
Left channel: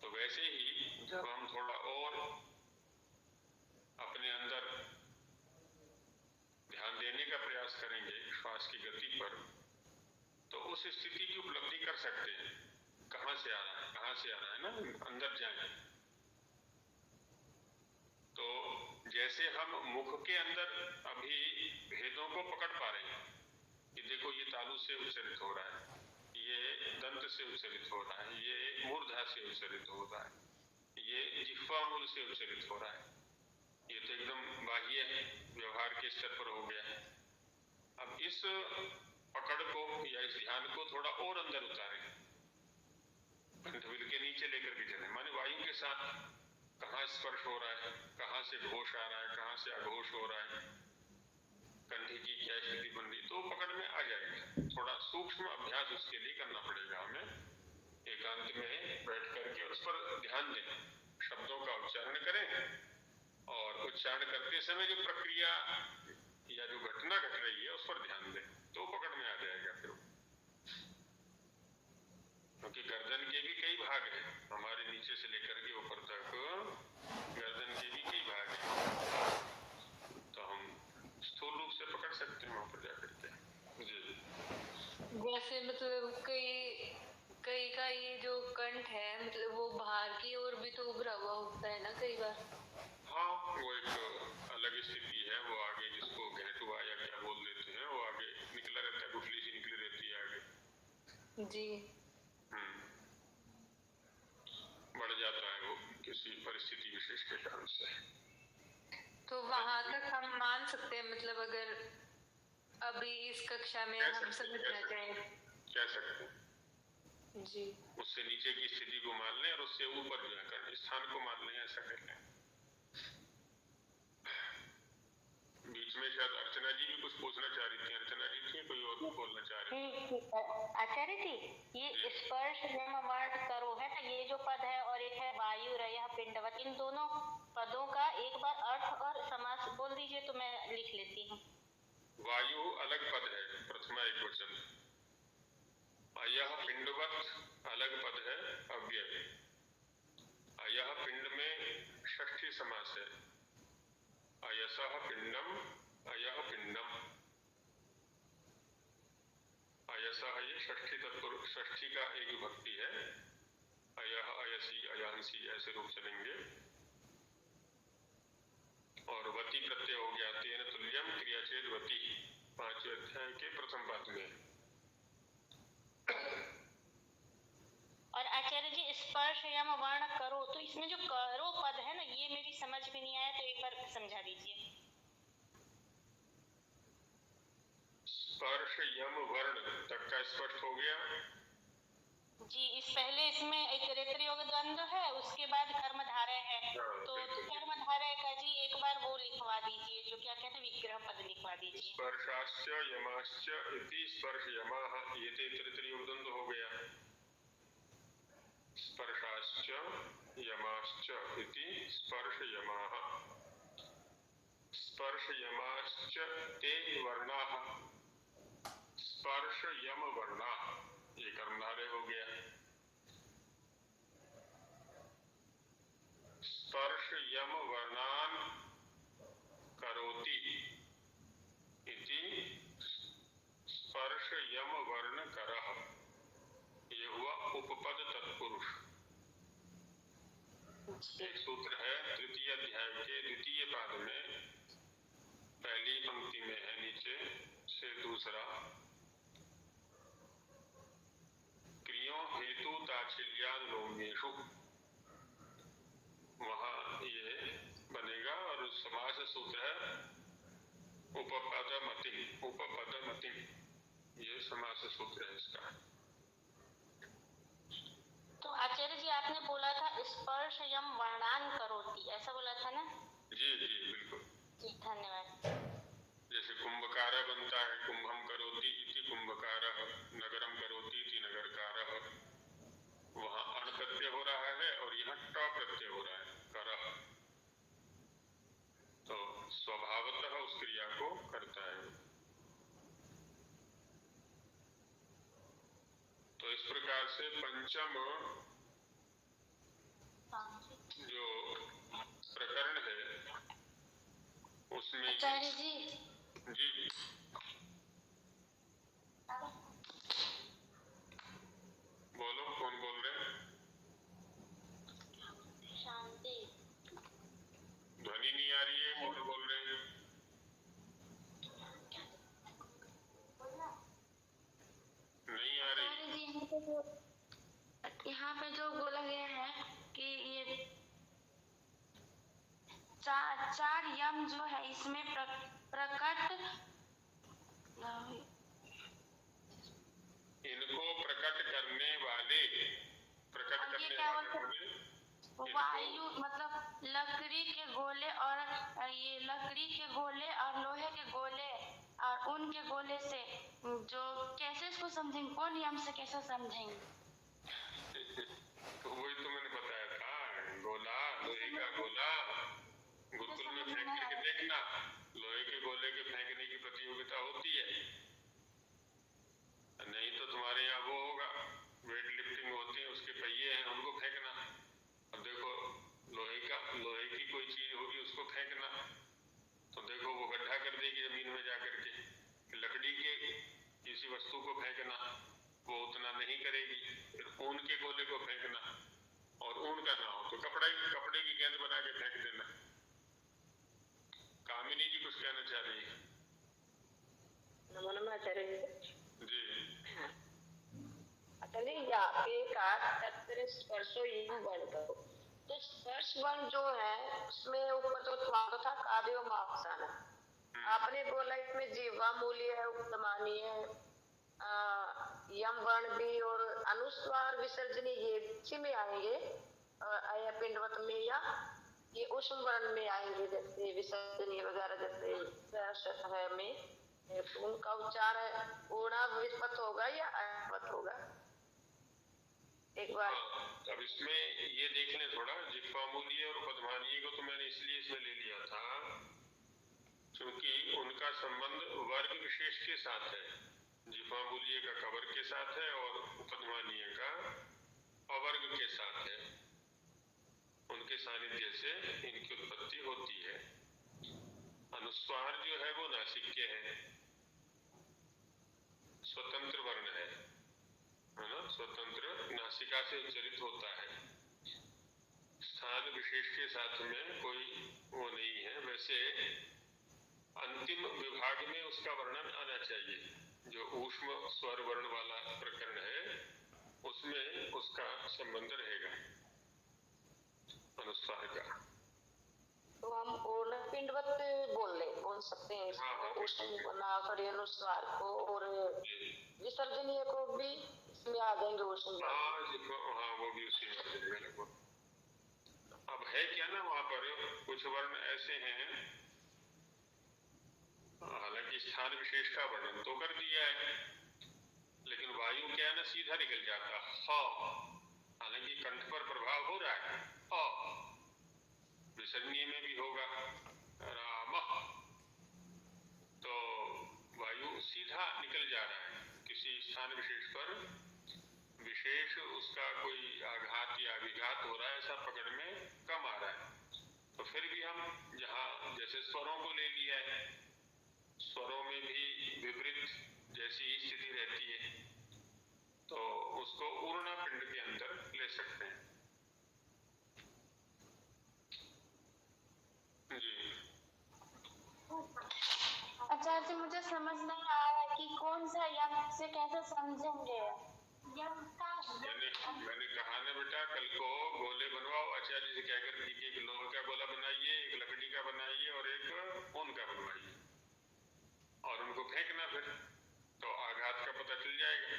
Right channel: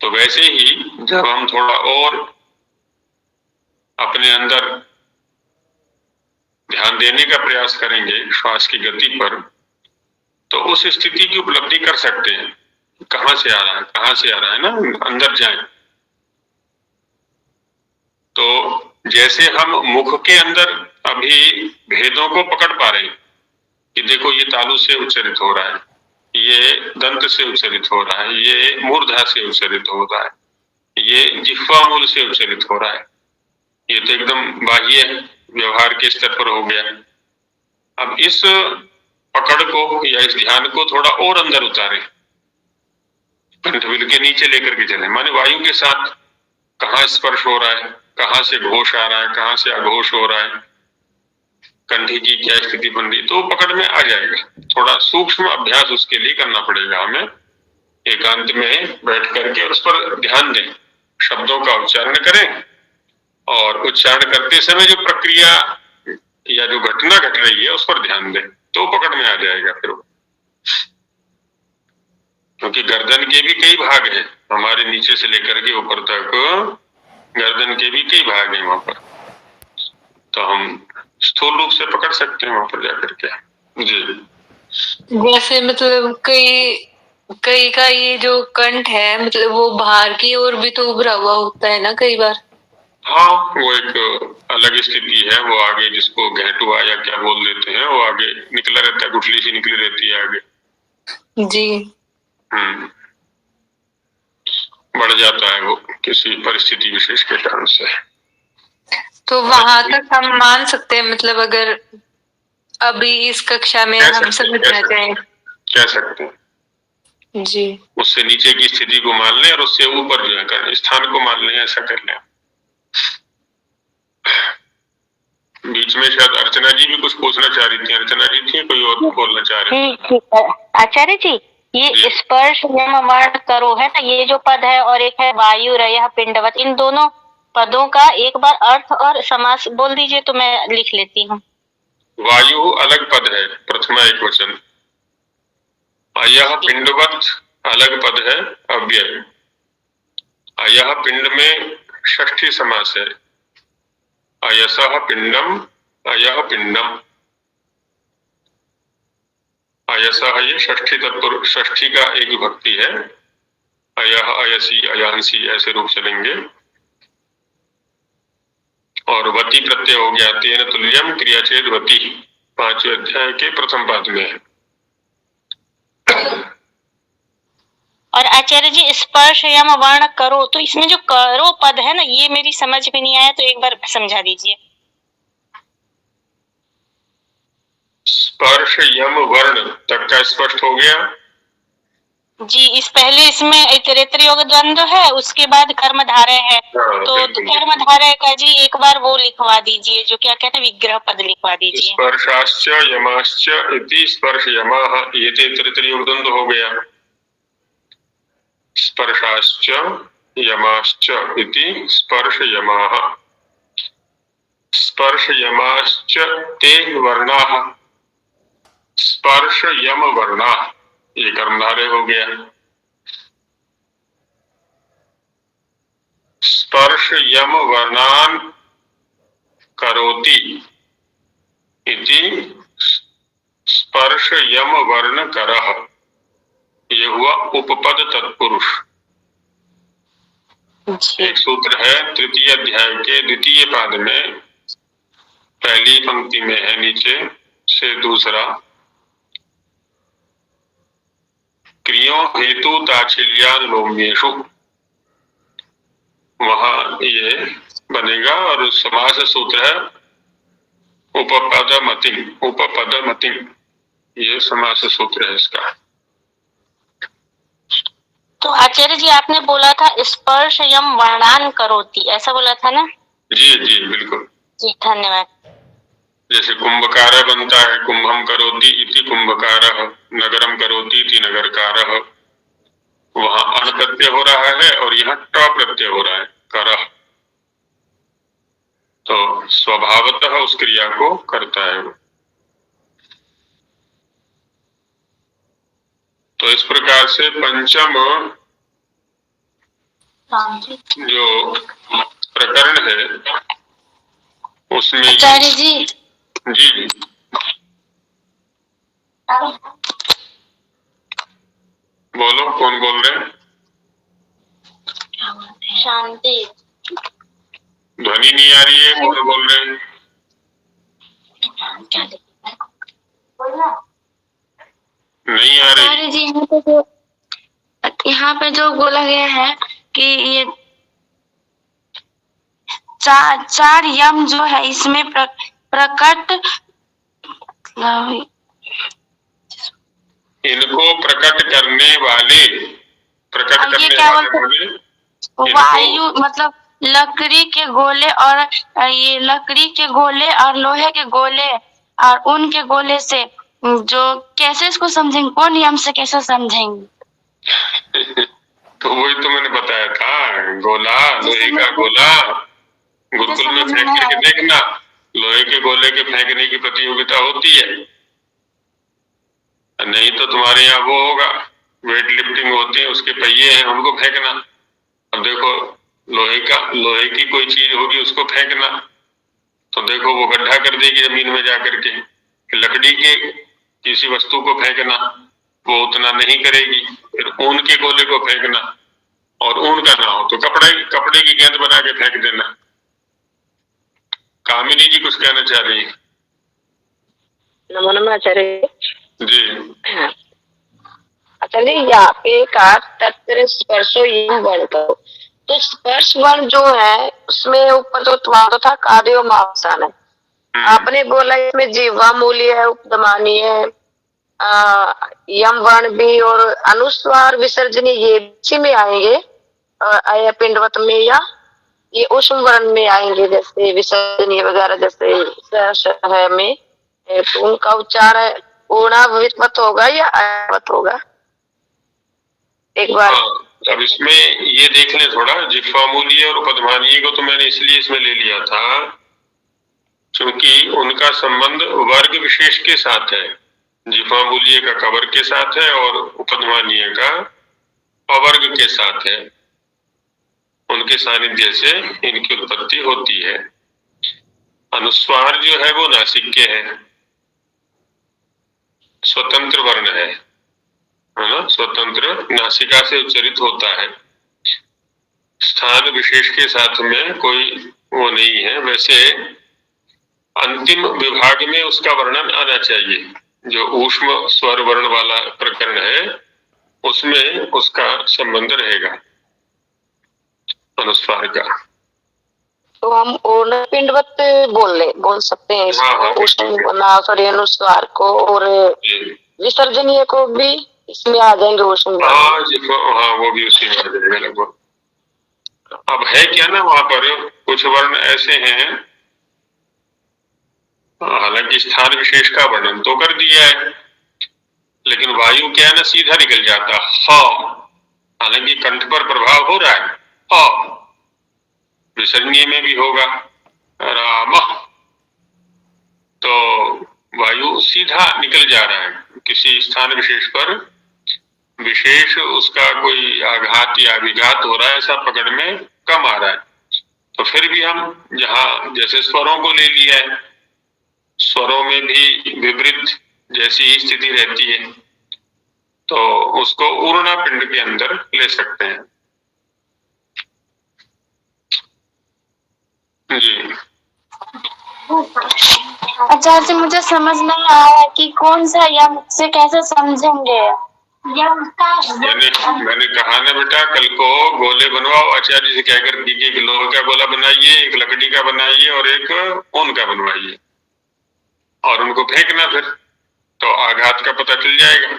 तो वैसे ही जब हम थोड़ा और अपने अंदर ध्यान देने का प्रयास करेंगे श्वास की गति पर, तो उस स्थिति की उपलब्धि कर सकते हैं, कहां से आ रहा है, कहां से आ रहा है ना, अंदर जाएं। तो जैसे हम मुख के अंदर अभी भेदों को पकड़ पा रहे हैं कि देखो ये तालु से उच्चरित हो रहा है, ये दंत से उच्चरित हो रहा है, ये मूर्धा से उच्चरित हो रहा है, ये जिह्वा मूल से उच्चरित हो रहा है, ये तो एकदम बाह्य व्यवहार के स्तर पर हो गया। अब इस पकड़ को या इस ध्यान को थोड़ा और अंदर उतारे, कंठबिल के नीचे लेकर के चले, माने वायु के साथ कहाँ स्पर्श हो रहा है, कहाँ से घोष आ रहा है, कहाँ से अघोष हो रहा है, कंठी की क्या स्थिति बन रही, तो पकड़ में आ जाएगा। थोड़ा सूक्ष्म अभ्यास उसके लिए करना पड़ेगा हमें, एकांत में बैठ करके उस पर ध्यान दें, शब्दों का उच्चारण करें और उच्चारण करते समय जो प्रक्रिया या जो घटना घट रही है उस पर ध्यान दें, तो पकड़ में आ जाएगा फिर। क्योंकि गर्दन के भी कई भाग हैं, हमारे नीचे से लेकर के ऊपर तक गर्दन के भी कई भाग हैं वहां पर, तो हम स्थूल रूप से पकड़ सकते हैं वहां पर जाकर के। जी जैसे मतलब कई का ये जो कंठ है मतलब वो बाहर की ओर भी तो उभरा हुआ होता है ना कई बार। हाँ, वो एक अलग स्थिति है, वो आगे जिसको घेटुआ या क्या बोल देते हैं, वो आगे निकला रहता है, गुठली सी निकली रहती है आगे जी। बढ़ जाता है वो किसी परिस्थिति विशेष के कारण से। तो वहां तक हम मान सकते हैं, मतलब अगर अभी इस कक्षा में हम समझना चाहें, कह सकते हैं जी, उससे नीचे की स्थिति को मान लें और उससे ऊपर जो है स्थान को मान लें, ऐसा कर लें। बीच में शायद अर्चना जी भी कुछ पूछना चाह रही थी। अर्चना जी थी, कोई और बोलना चाह रहे थे? आचार्य जी, ये स्पर्श यम वर्ण करो है ना, ये जो पद है, और एक है वायु रयः पिंडवत, इन दोनों पदों का एक बार अर्थ और समास बोल दीजिए तो मैं लिख लेती हूँ। वायु अलग पद है, प्रथमा एक वचन। अयः पिंडवत अलग पद है, अव्यय। अयः पिंड में षष्ठी समास है। अयसः पिंडम, अयः पिंडम। अयसः ये षष्ठी तत्पुरुष, षष्ठी का एक विभक्ति है। अयः, अयसी, अयांसी ऐसे रूप चलेंगे। और वती प्रत्यय हो गया, तेन तुल्यम क्रियाचेद वती, 5वें अध्याय के प्रथम पाद में है। और आचार्य जी स्पर्श यम वर्ण करो, तो इसमें जो करो पद है ना, ये मेरी समझ में नहीं आया, तो एक बार समझा दीजिए। स्पर्श यम वर्ण तक का स्पष्ट हो गया जी। इस पहले इसमें इतरेतर योग द्वंद्व है, उसके बाद कर्मधारय है। तो कर्मधारय का जी एक बार वो लिखवा दीजिए, जो क्या कहते हैं विग्रह पद लिखवा दीजिए। स्पर्शाश्च यमाश्च इति स्पर्श यमाः, ये इतरेतर योग द्वंद्व हो गया। स्पर्शाश्च यमाश्च इति स्पर्श यमाः, स्पर्श यमाश्च ते वर्णाः, स्पर्श यम वर्णाः, ये कर्मधारय हो गया। स्पर्श यम वर्णान करोति इति स्पर्श यम वर्ण करः, ये हुआ उपपद तत्पुरुष। एक सूत्र है तृतीय अध्याय के द्वितीय पाद में, पहली पंक्ति में है नीचे से दूसरा, क्रियों हेतु ताच्छिल्यानुलोम्येषु, वहां ये बनेगा। और समास सूत्र है उपपदमतिम, उपपदमतिम, ये समास सूत्र है इसका। तो आचार्य जी आपने बोला था स्पर्श यम वर्णान करोति, ऐसा बोला था ना? जी जी बिल्कुल जी धन्यवाद। जैसे कुंभकार बनता है, कुंभम करोति इति कुंभकारः, नगरम करोति इति नगरकारः, वहां अण प्रत्यय हो रहा है और यहाँ ट प्रत्यय हो रहा है, करः, तो स्वभावतः उस क्रिया को करता है वो। तो इस प्रकार से पंचम जो प्रकरण है उसमें आचार्य जी जी बोलो, कौन बोल रहे हैं? शांति, ध्वनि नहीं आ रही है, कौन बोल रहे हैं? नहीं आ रही। आचार्य जी यहाँ पे जो बोला गया है कि ये चार यम जो है इसमें प्रकट, इनको प्रकट करने वाले, प्रकट ये करने क्या वाले बोलते, बोले वायु मतलब लकड़ी के गोले, और ये लकड़ी के गोले और लोहे के गोले और ऊन के गोले से जो कैसे इसको समझेंगे, कौन यम से कैसे समझेंगे? तो वही तो मैंने बताया था, गोला, लोहे का गोला, गुरुकुल में फेंक करके देखना, लोहे के गोले के फेंकने की प्रतियोगिता होती है। नहीं तो तुम्हारे यहाँ वो होगा, वेट लिफ्टिंग होती है, उसके पहिए हैं, उनको फेंकना। अब देखो लोहे की कोई चीज होगी, उसको फेंकना, तो देखो वो गड्ढा कर देगी जमीन में जा करके। लकड़ी के किसी वस्तु को फेंकना, वो उतना नहीं करेगी। फिर ऊन के गोले को फेंकना, और ऊन का ना हो तो कपड़े की गेंद बना के फेंक देना। कामिनी जी कुछ कहना चाह रही है? नमो आचार्य जी। आचार्य यहाँ पे कहा तत्र स्पर्शो यम वर्ण करो, तो स्पर्श वर्ण जो है उसमें ऊपर तो तुम्हारा था कार्यो मावसान है, आपने बोला इसमें जीवा मूल्य है, उपदमानी है, यम वर्ण भी, और अनुस्वार विसर्जनी ये इसी में आएंगे, आया पिंडवत में, या ये उष्म वर्ण में आएंगे, जैसे विसर्जनी वगैरह जैसे है में, तो उनका उच्चार ऊर्णावित होगा या अवत होगा? एक बार। हाँ, अब इसमें ये देख लें थोड़ा, जिह्वामूलीय और उपध्मानीय को तो मैंने इसलिए इसमें ले लिया था क्योंकि उनका संबंध वर्ग विशेष के साथ है। जिह्वामूलीय का कवर के साथ है और उपध्मानीय का अवर्ग के साथ है। उनके सानिध्य से इनकी उत्पत्ति होती है। अनुस्वार जो है वो नासिक्य है, स्वतंत्र वर्ण है ना, स्वतंत्र नासिका से उच्चरित होता है। स्थान विशेष के साथ में कोई वो नहीं है। वैसे अंतिम विभाग में उसका वर्णन आना चाहिए। जो ऊष्म स्वर वर्ण वाला प्रकरण है उसमें उसका संबंध रहेगा अनुस्वार का। तो हम ओर्ण पिंडवत बोल सकते हैं सॉरी अनुस्वार को, और विसर्जनीय को भी इसमें आ जाएंगे ऊष्म। हाँ, वो भी उसी में आ जाएगा लगभग। अब है क्या ना, वहां पर कुछ वर्ण ऐसे हैं, हालांकि स्थान विशेष का वर्णन तो कर दिया है, लेकिन वायु क्या है ना, सीधा निकल जाता ह, हालांकि कंठ पर प्रभाव हो रहा है ह, विसर्जनीय में भी होगा राम, तो वायु सीधा निकल जा रहा है। किसी स्थान विशेष पर विशेष उसका कोई आघात या विघात हो रहा है ऐसा पकड़ में कम आ रहा है। तो फिर भी हम जहाँ जैसे स्वरों को ले लिया है, स्वरों में भी विपरीत जैसी ही स्थिति रहती है, तो उसको ऊर्णा पिंड के अंदर ले सकते हैं। जी आचार्य जी, मुझे समझ नहीं आया कि कौन सा यम से कैसे समझेंगे। मैंने कहा ना बेटा, कल को गोले बनवाओ, आचार्य से कहकर दीजिए कि लोहे का गोला बनाइए, एक लकड़ी का बनाइए और एक ऊन का बनवाइए, और उनको फेंकना, फिर तो आघात का पता चल जाएगा।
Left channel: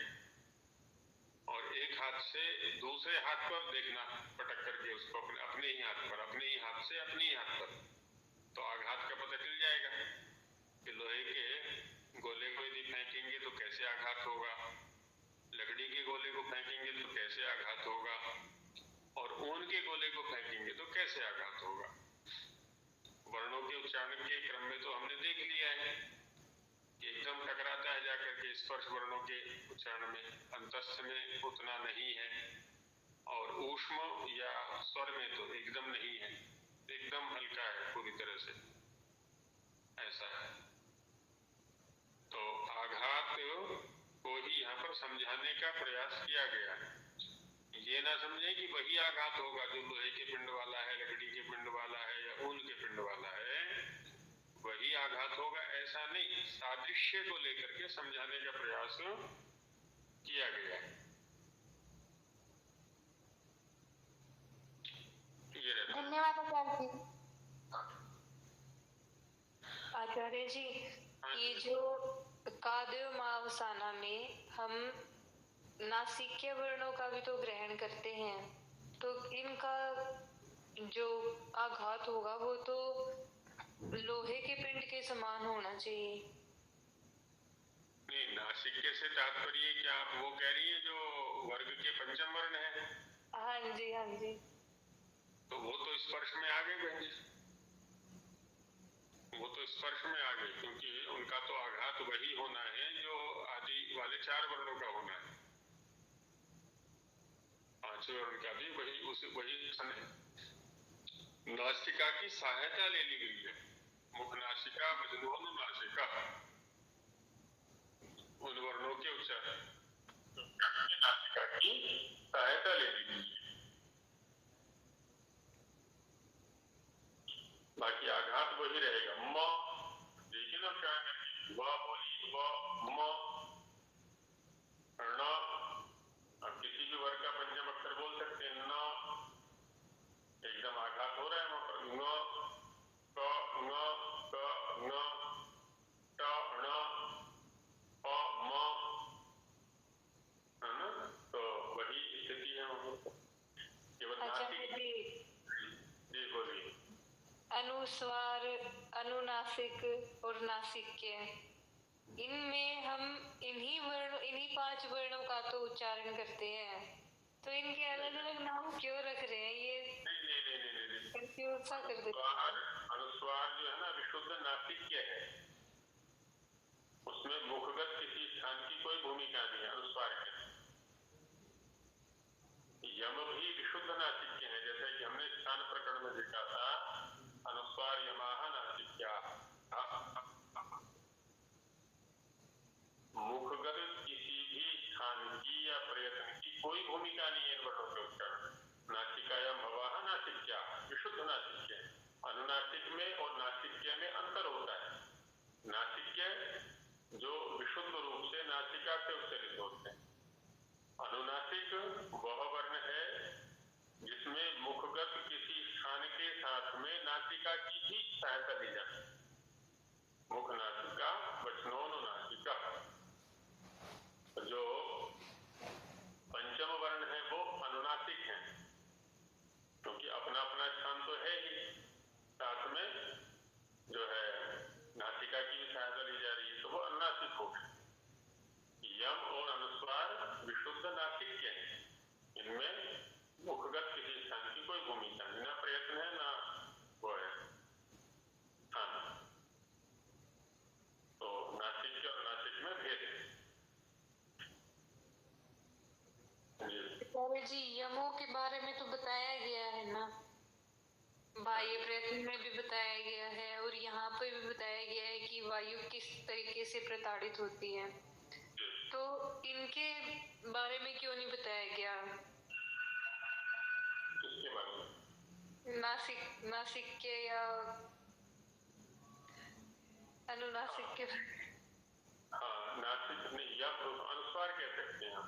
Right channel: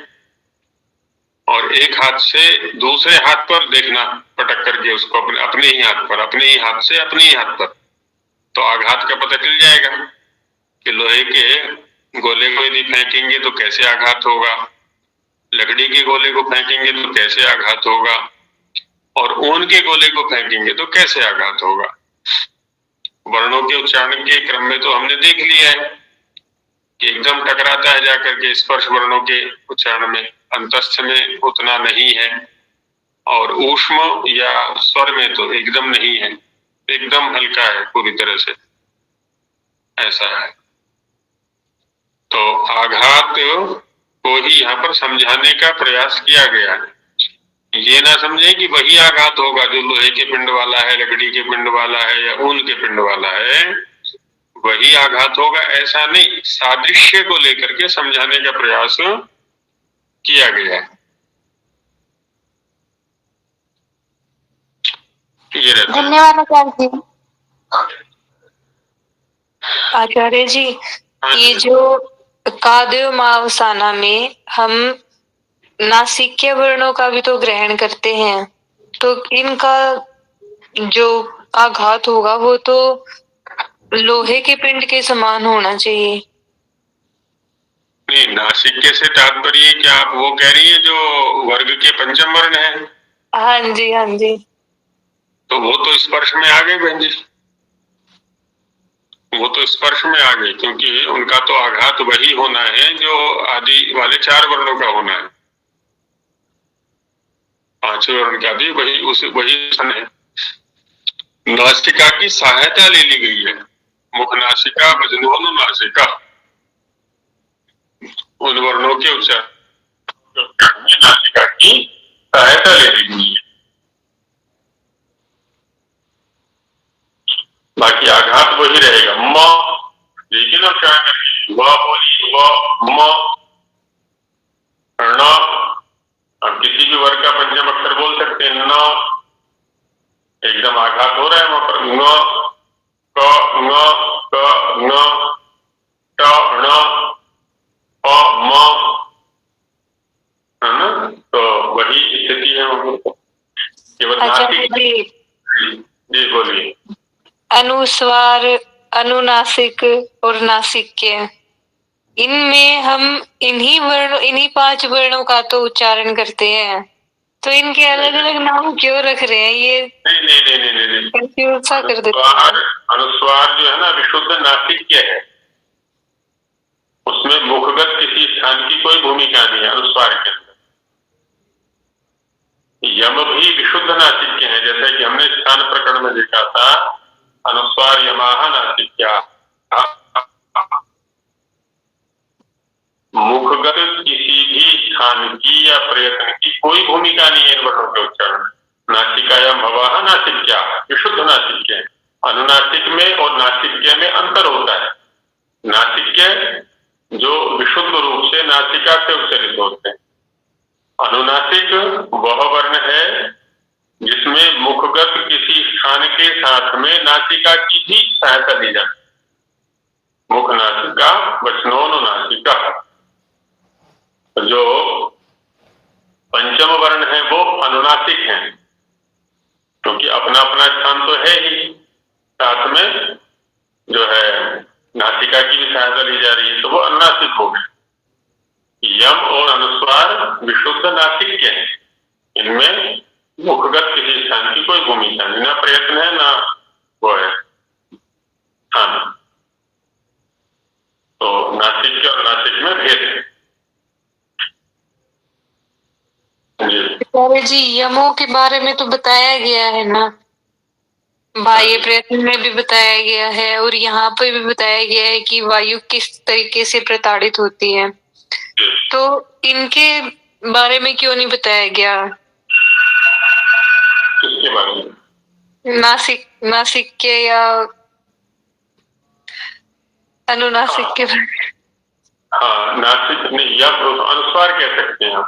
और एक हाथ से दूसरे हाथ पर देखना, पटक करके उसको अपने ही हाथ पर, अपने ही हाथ से अपने ही हाथ पर, तो आघात का पता चल जाएगा कि लोहे के गोले को यदि फेंकेंगे तो कैसे आघात होगा, लकड़ी के गोले को फेंकेंगे तो कैसे आघात होगा, और ऊन के गोले को फेंकेंगे तो कैसे आघात होगा। वर्णों के उच्चारण के क्रम में तो हमने देख लिया है कि एकदम टकराता है जाकर के स्पर्श वर्णों के उच्चारण में, अंतस्थ में उतना नहीं है, और ऊष्म या स्वर में तो एकदम नहीं है, एकदम हल्का है पूरी तरह से, ऐसा है। तो आघात को ही यहाँ पर समझाने का प्रयास किया गया है। ये ना समझे कि वही आघात होगा जो लोहे के पिंड वाला है, लकड़ी के पिंड वाला है या ऊन के पिंड वाला है, वही आघात होगा, ऐसा नहीं। सादृश्य को लेकर के समझाने का प्रयास किया गया है। ये रहता है। धन्यवाद आचार्य जी। आचार्य जी, ये जो कादमावसाना में हम नासिक्य वर्णों का भी तो ग्रहण करते हैं, तो इनका जो आघात होगा वो तो लोहे के पिंड के समान होना चाहिए। नहीं, नासिक्य से तात्पर्य क्या आप वो कह रही है जो वर्ग के पंचम वर्ण है? हाँ जी, हाँ जी। तो वो तो स्पर्श में आ गए बहन जी, वो तो स्पर्श में आ गए, क्योंकि उनका तो आघात वही होना है जो आदि वाले चार वर्णों का होना है। पांचवें वर्ण का भी वही है। नासिका की सहायता ले ली गई है, मुख नासिका, वजनोन नासिका, उन वर्णों के उच्चारण नासिका की सहायता ले ली गई है। बाकी आघात वही रहेगा, म, लेकिन अब क्या करेंगे, व बोली, व म न, अब किसी भी वर्ग का पंचम अक्षर बोल सकते हैं। न एकदम आघात हो रहा है वहां पर, न क न क न ट ण प म, है ना, तो वही स्थिति है वहां पर। केवल नासिक। जी बोलिए। अनुस्वार, अनुनासिक और नासिक्य, इनमें हम इन्हीं पांच वर्णों का तो उच्चारण करते हैं, तो इनके अलग अलग नाम क्यों रख रहे हैं? ये नहीं। कंफ्यूज सा कर देते हैं। अनुस्वार जो है ना विशुद्ध नासिक्य है, उसमें मुखगत किसी स्थान की कोई भूमिका नहीं है अनुस्वार के अंदर। यम भी विशुद्ध नासिक्य है, जैसे कि हमने स्थान प्रकरण में देखा था, अनुस्वार यमाह नासिक्या। मुखगत किसी भी स्थान की या प्रयत्न की कोई भूमिका नहीं है इन वर्णों के उच्चारण में। नासिकायाम भवाह नासिक्या, विशुद्ध नासिक्य है। अनुनासिक में और नासिक्य में अंतर होता है। नासिक्य जो विशुद्ध रूप से नासिका से उच्चरित होते हैं, अनुनासिक वह वर्ण है जिसमें मुखगत किसी स्थान के साथ में नासिका की भी सहायता ली जाती है। मुख नासिका वचनोनुनासिका। जो पंचम वर्ण है वो अनुनासिक है, क्योंकि अपना अपना स्थान तो है ही, साथ में जो है नासिका की भी सहायता ली जा रही है, तो वो अनुनासिक हो गए। यम और अनुस्वार विशुद्ध नासिक्य है, इनमें मुखगत किसी स्थान की कोई भूमिका नहीं, ना प्रयत्न है ना वो है स्थान। तो नासिक्य और नासिक में भेद है। जी यमों के बारे में तो बताया गया है ना, बाह्य प्रयत्न में भी बताया गया है और यहाँ पे भी बताया गया है कि वायु किस तरीके से प्रताड़ित होती है। तो इनके बारे में क्यों नहीं बताया गया? किसके बारे में? नासिक के या अनुनासिक के बारे में? हाँ, नासिक नहीं, या अनुस्वार कह सकते हैं हम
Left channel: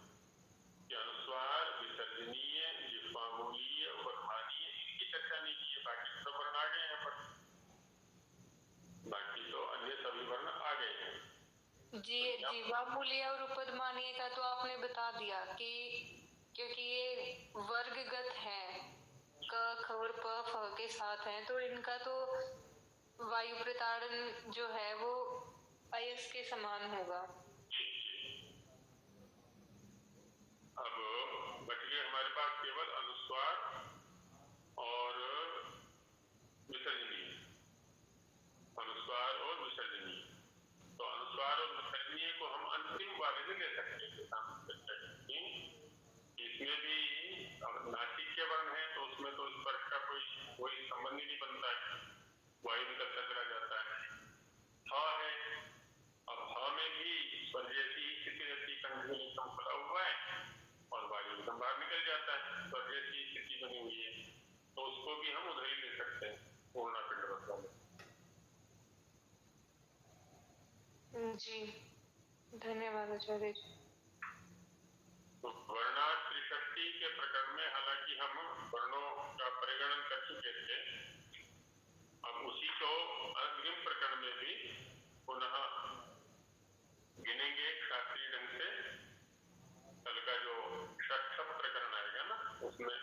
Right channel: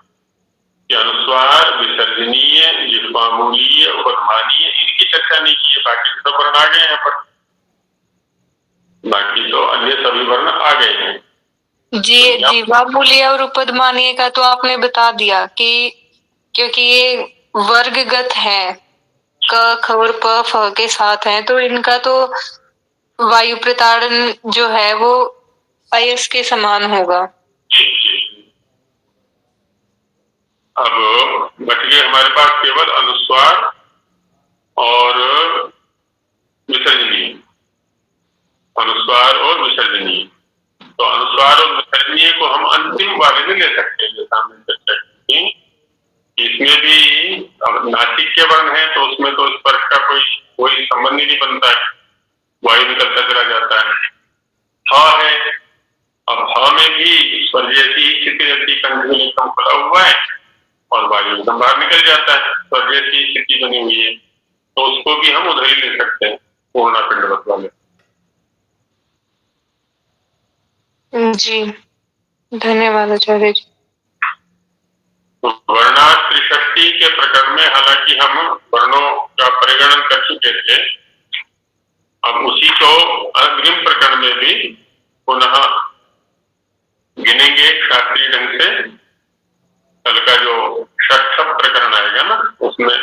कि अनुस्वार विसर्जनीय, जिह्वामूलीय, उपध्मानीय, इनकी चर्चा नहीं की है। बाकी सब वर्ण आ गए हैं पर, बाकी तो अन्य सभी वर्ण आ गए हैं। जी जिह्वामूलीय और उपध्मानीय का तो आपने बता दिया कि क्योंकि ये वर्गगत है, क ख और प फ के साथ है, तो इनका तो वायु प्रताड़न जो है वो अयस के समान होगा। अब बच गए हमारे पास केवल अनुस्वार और विसर्जनीय। अनुस्वार और विसर्जनीय, तो अनुस्वार और विसर्जनीय को हम अंतिम वाले में ले सकते हैं, जैसा हमने चर्चा की। इसमें भी नासिक के वर्ण है तो उसमें तो स्पर्श का कोई संबंध ही नहीं बनता है, वायु निकलता चला जाता है। ह है, अब ह में भी स्वर जैसी स्थिति रहती, कंठ में एकदम खुला हुआ है और वायु एकदम बाहर निकल जाता है, स्वर जैसी स्थिति बनी हुई है, तो उसको भी हम उधर ही ले सकते हैं पूर्णा पिंडवत वाले। जी धन्यवाद आचार्य जी। वर्णा त्रिषष्टि के प्रकरण में हालांकि हम वर्णों का परिगणन कर चुके थे, अब उसी को अग्रिम प्रकरण में भी पुनः गिनेंगे शास्त्रीय ढंग से। कल का जो षष्ठ प्रकरण आएगा ना, उसमें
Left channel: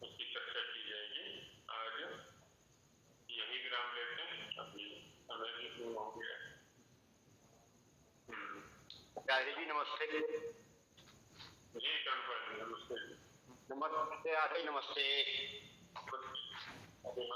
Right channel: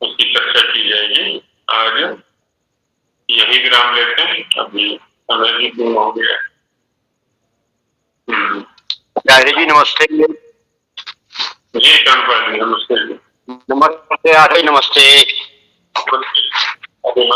उसकी चर्चा की जाएगी। आज यही विराम लेते हैं, अभी समय भी पूर्ण हो गया। आचार्य जी नमस्ते। जी कर्णपाल जी नमस्ते। नमस्ते आचार्य, नमस्ते। अभी